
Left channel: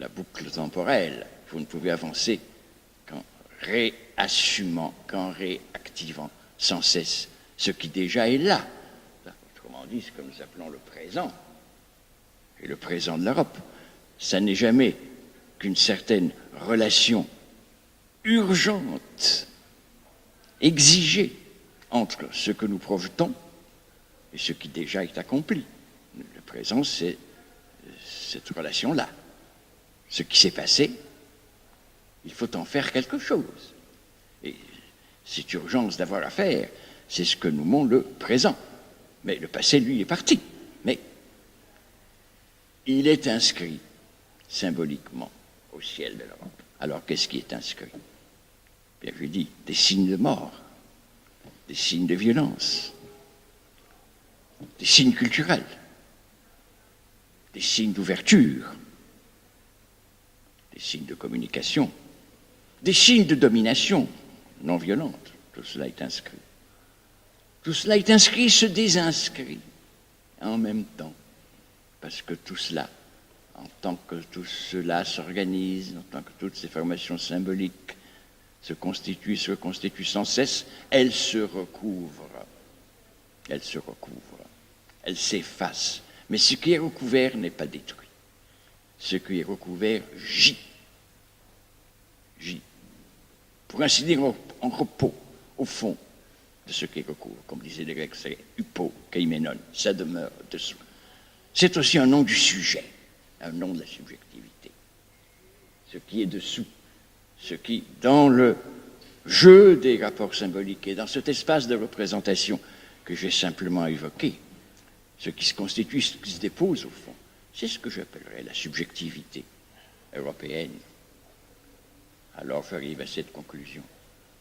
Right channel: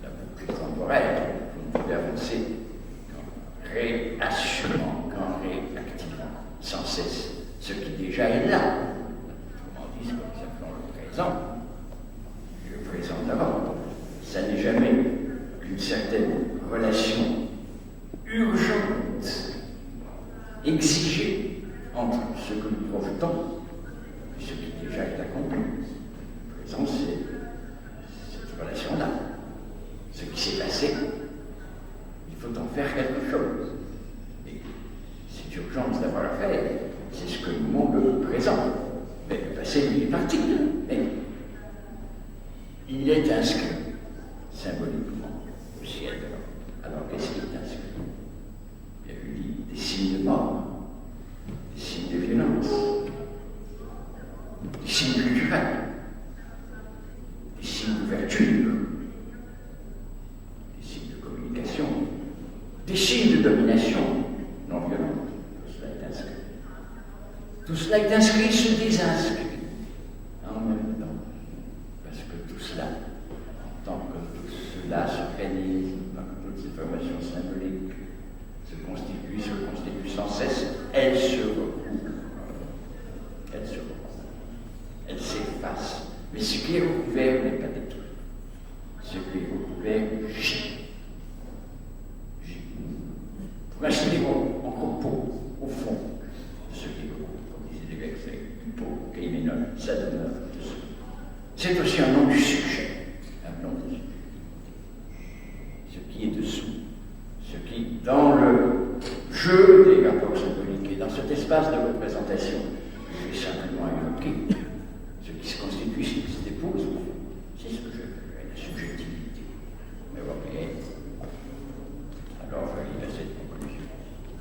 la boucle temporelle. Vous ne pouvez avancer qu'en réassumant, qu'en réactivant sans cesse ce qui déjà est là. Autrement dit, ce que nous appelons le présent, et le présent de l'Europe, ça n'est jamais qu'une certaine relation urgente, exigée entre ce que nous projetons et ce qui déjà est accompli. Le présent, c'est cette relation-là. Ce qui s'est passé, il faut en faire quelque chose. Et cette urgence d'avoir à faire, c'est ce que nous montre le présent. Mais le passé, lui, est parti. Mais il est inscrit symboliquement au ciel de l'Europe. Alors, qu'est-ce qui est inscrit? Bien que dit, des signes de mort, des signes de violence, des signes culturels, des signes d'ouverture, des signes de communication, des signes de domination non violente. Tout cela est inscrit. Tout cela est inscrit, se désinscrit en même temps, parce que tout cela, en tant que tout cela s'organise, en tant que toutes ces formations symboliques se constituent sans cesse, elles se recouvrent, elles s'effacent. Mais ce qui est recouvert n'est pas détruit. Ce qui est recouvert gît. Pour ainsi dire, en repos, au fond de ce qui est recouvert. Comme disaient les Grecs, c'est hypo, kaimenon, ça demeure dessous. C'est aussi un nom du sujet, un nom de la subjectivité. Ce qui est dessous, ce qui, dans le jeu des rapports symboliques et dans cet espace de représentation que j'ai simplement évoqué, ce qui se constitue, ce qui se dépose au fond, c'est ce que j'appellerais la subjectivité européenne. Alors j'arrive à cette conclusion.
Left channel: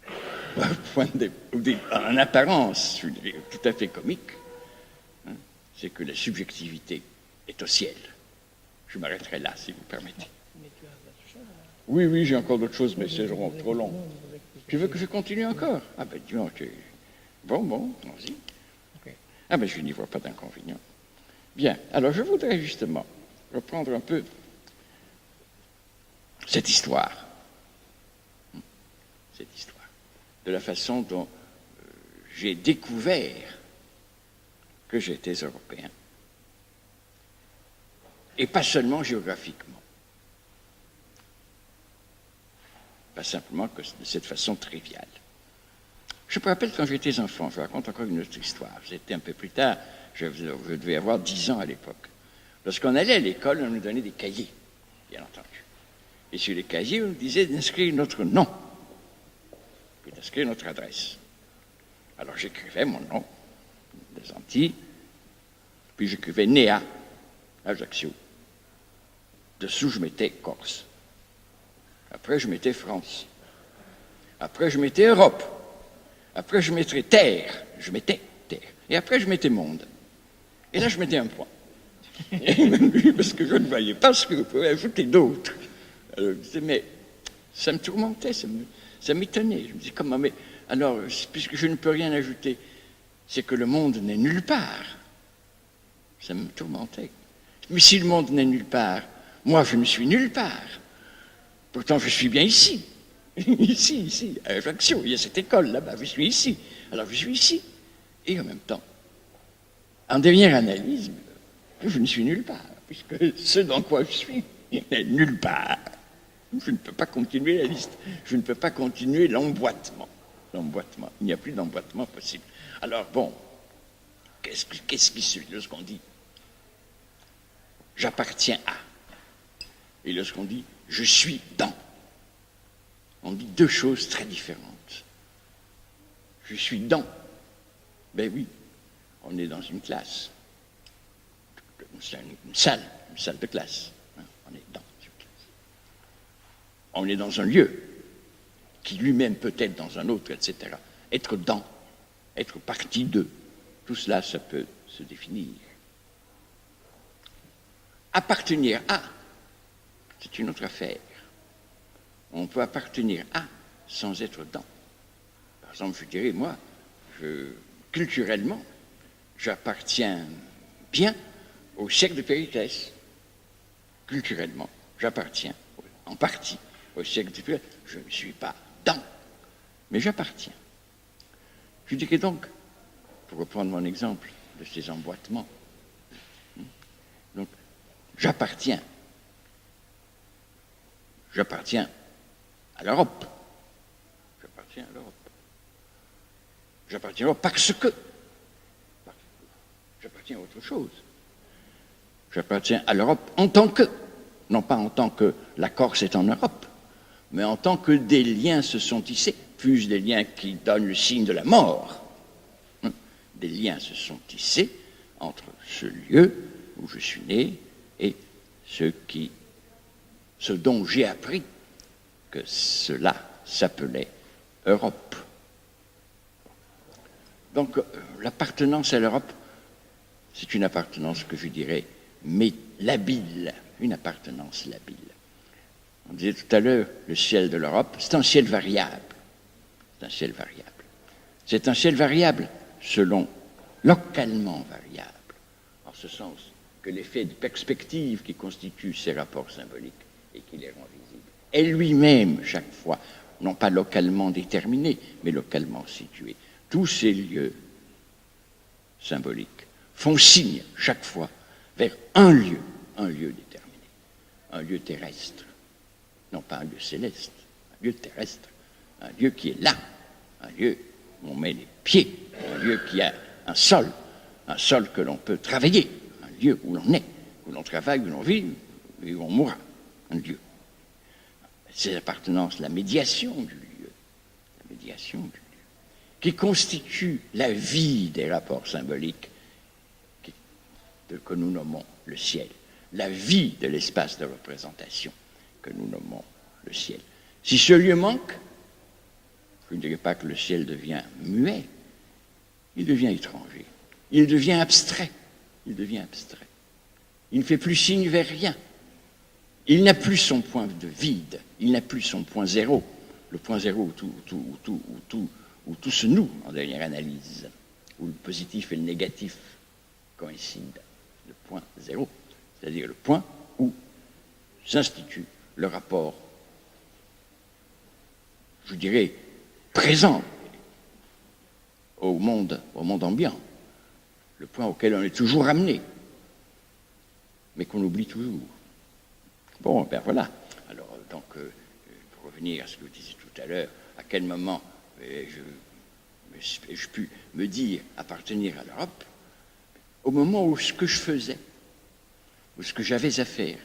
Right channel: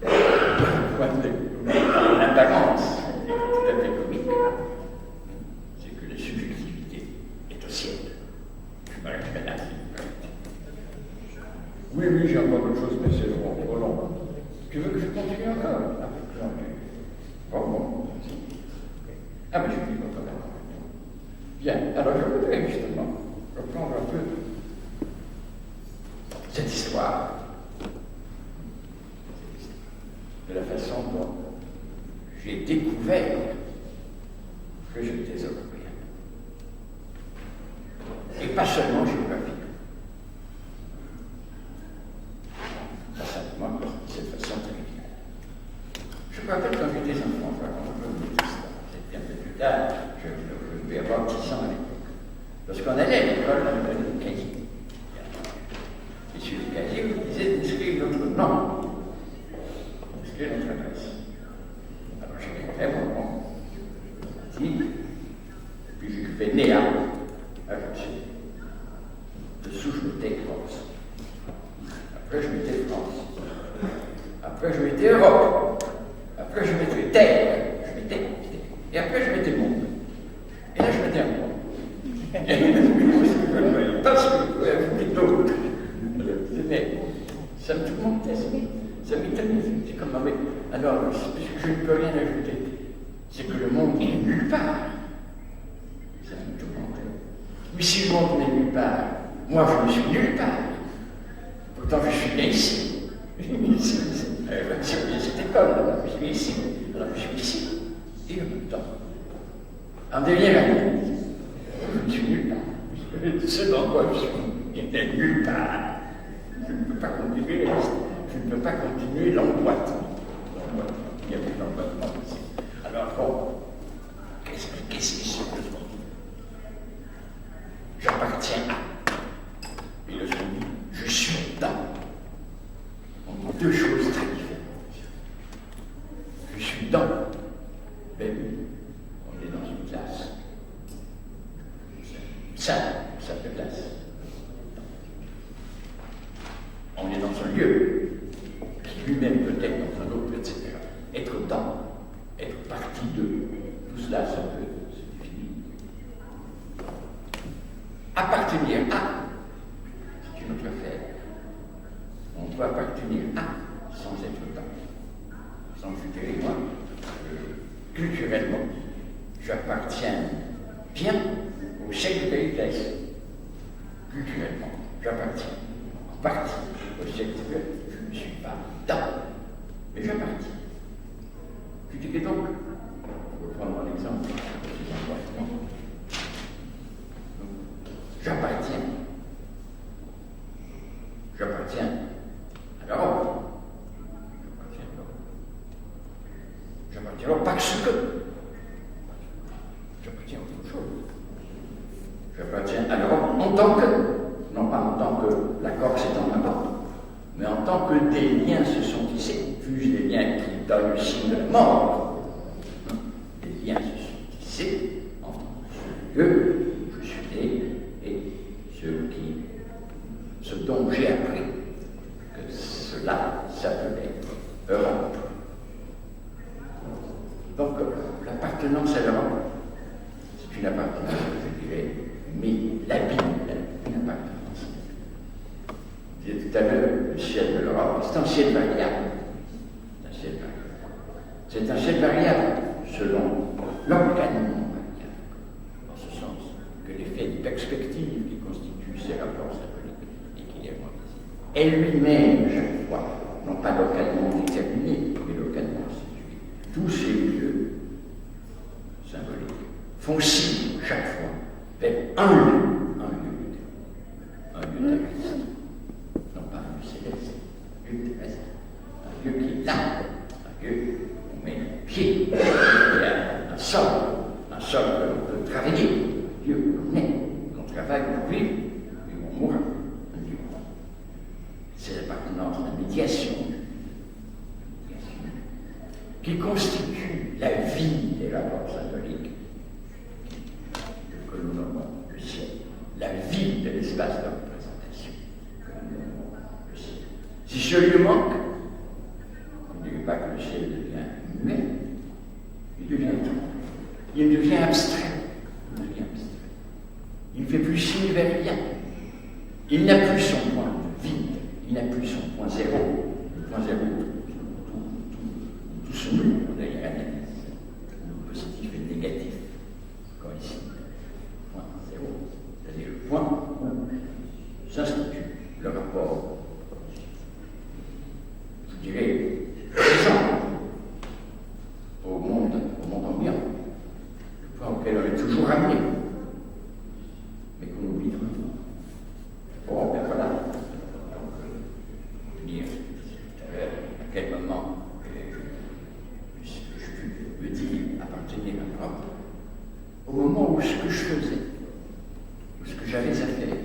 En apparence, tout à fait comique, c'est que la subjectivité est au ciel. Je m'arrêterai là, si vous me permettez. Oui, j'ai encore d'autres choses, mais c'est trop long. Tu veux que je continue encore? Ah ben tu vois, Bon, merci. Ah ben je n'y vois pas d'inconvénient. Bien, alors je voudrais justement reprendre un peu cette histoire. De la façon dont j'ai découvert que j'étais européen. Et pas seulement géographiquement. Pas simplement de cette façon triviale. Je me rappelle quand j'étais enfant, je raconte encore une autre histoire. C'était un peu plus tard, je devais avoir 10 ans à l'époque. Lorsqu'on allait à l'école, on nous donnait des cahiers, bien entendu. Et sur les cahiers, on disait d'inscrire notre nom. Inscrire notre adresse. Alors j'écrivais mon nom, les Antilles, et puis j'écrivais Néa, Ajaccio. Dessous, je mettais Corse. Après, je mettais France. Après, je mettais Europe. Après, je mettais Terre. Et après, je mettais Monde. Et là, je mettais un point. Parce que je ne voyais pas ce que je pouvais ajouter d'autre. Mais ça me tourmentait, ça m'étonnait. Je me dis comment, mais alors, puisque je ne peux rien ajouter, c'est que le monde n'est nulle part. Ça me tourmentait. Mais si le monde n'est nulle part, moi je ne suis nulle part. Pourtant je suis bien ici. ici, à Ajaccio, il y a cette école là-bas, je suis ici. Alors je suis ici. Et en même temps, en dernier réalisme, je ne suis nulle part. Puisque ce dans quoi je suis est nulle part. Je ne peux pas continuer la liste. Je ne peux pas continuer l'emboîtement. Il n'y a plus d'emboîtement possible. Alors bon, qu'est-ce qui se dit? J'appartiens à. Et lorsqu'on dit je suis dans, on dit deux choses très différentes. Je suis dans. Ben oui, on est dans une classe. Une simple classe. On est dans un lieu, qui lui-même peut être dans un autre, etc. Être dans, être partie de, tout cela, ça peut se définir. Appartenir à, c'est une autre affaire. On peut appartenir à sans être dans. Par exemple, je dirais, moi, culturellement, j'appartiens bien au siècle de Périclès. Culturellement, j'appartiens en partie au siècle de Périclès. Je ne suis pas dans, mais j'appartiens. Je dirais donc, pour reprendre mon exemple de ces emboîtements, donc, j'appartiens à l'Europe. J'appartiens à l'Europe parce que j'appartiens à autre chose. J'appartiens à l'Europe en tant que, non pas en tant que la Corse est en Europe, mais en tant que des liens se sont tissés, fût-ce des liens qui donnent le signe de la mort. Des liens se sont tissés entre ce lieu où je suis né et ce dont j'ai appris que cela s'appelait Europe. Donc, l'appartenance à l'Europe, c'est une appartenance que je dirais, mais labile, une appartenance labile. On disait tout à l'heure, le ciel de l'Europe, c'est un ciel variable. C'est un ciel variable. C'est un ciel variable selon, localement variable, en ce sens que l'effet de perspective qui constitue ces rapports symboliques et qui les rend visibles est lui-même, chaque fois, non pas localement déterminé, mais localement situé. Tous ces lieux symboliques font signe, chaque fois, vers un lieu déterminé, un lieu terrestre, non pas un lieu céleste, un lieu terrestre, un lieu qui est là, un lieu où on met le pied, un lieu qui a un sol que l'on peut travailler, un lieu où l'on est, où l'on travaille, où l'on vit, et où on mourra, un lieu. C'est l'appartenance, la médiation du lieu, qui constitue la vie des rapports symboliques que nous nommons le ciel, la vie de l'espace de représentation que nous nommons le ciel. Si ce lieu manque, je ne dirais pas que le ciel devient muet, il devient étranger, il devient abstrait, il ne fait plus signe vers rien, il n'a plus son point de vide, il n'a plus son point zéro, le point zéro où tout se noue en dernière analyse, où le positif et le négatif coïncident. Point zéro, c'est-à-dire le point où s'institue le rapport, je dirais, présent au monde ambiant, le point auquel on est toujours ramené, mais qu'on oublie toujours. Bon, ben voilà. Alors, donc, pour revenir à ce que je disais tout à l'heure, à quel moment je pu me dire appartenir à l'Europe, au moment où ce que je faisais, où ce que j'avais à faire,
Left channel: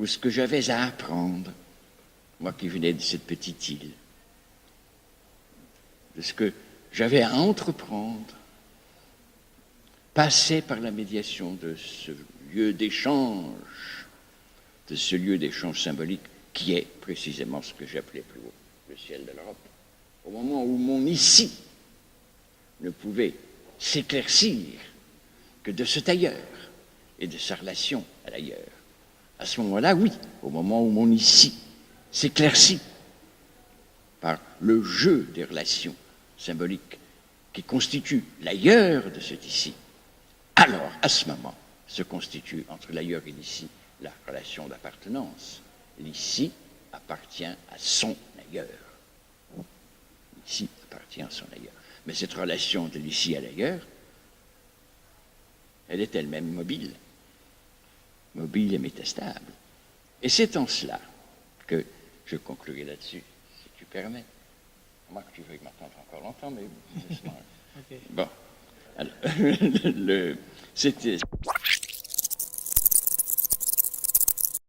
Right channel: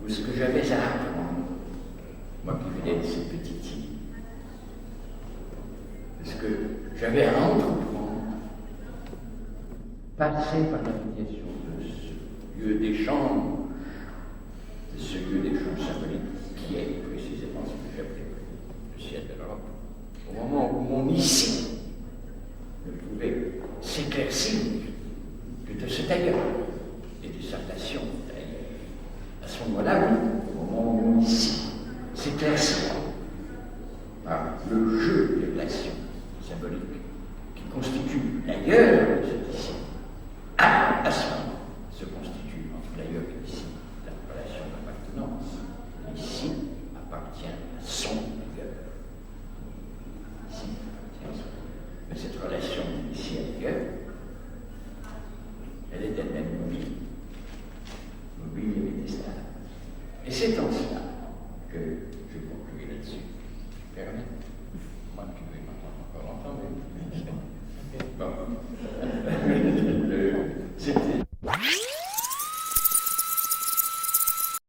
où ce que j'avais à apprendre, moi qui venais de cette petite île, de ce que j'avais à entreprendre, passait par la médiation de ce lieu d'échange, symbolique qui est précisément ce que j'appelais le ciel de l'Europe. Au moment où mon ici ne pouvait s'éclaircir que de cet ailleurs et de sa relation à l'ailleurs. À ce moment-là, oui, au moment où mon ici s'éclaircit par le jeu des relations symboliques qui constituent l'ailleurs de cet ici, à ce moment se constitue entre l'ailleurs et l'ici la relation d'appartenance. L'ici appartient à son ailleurs. Ici appartient à son ailleurs. Mais cette relation de l'ici à l'ailleurs, elle est elle-même mobile et métastable. Et c'est en cela que je conclurai là-dessus, si tu permets. Moi, je vais m'entendre encore longtemps, mais... Bon. C'était...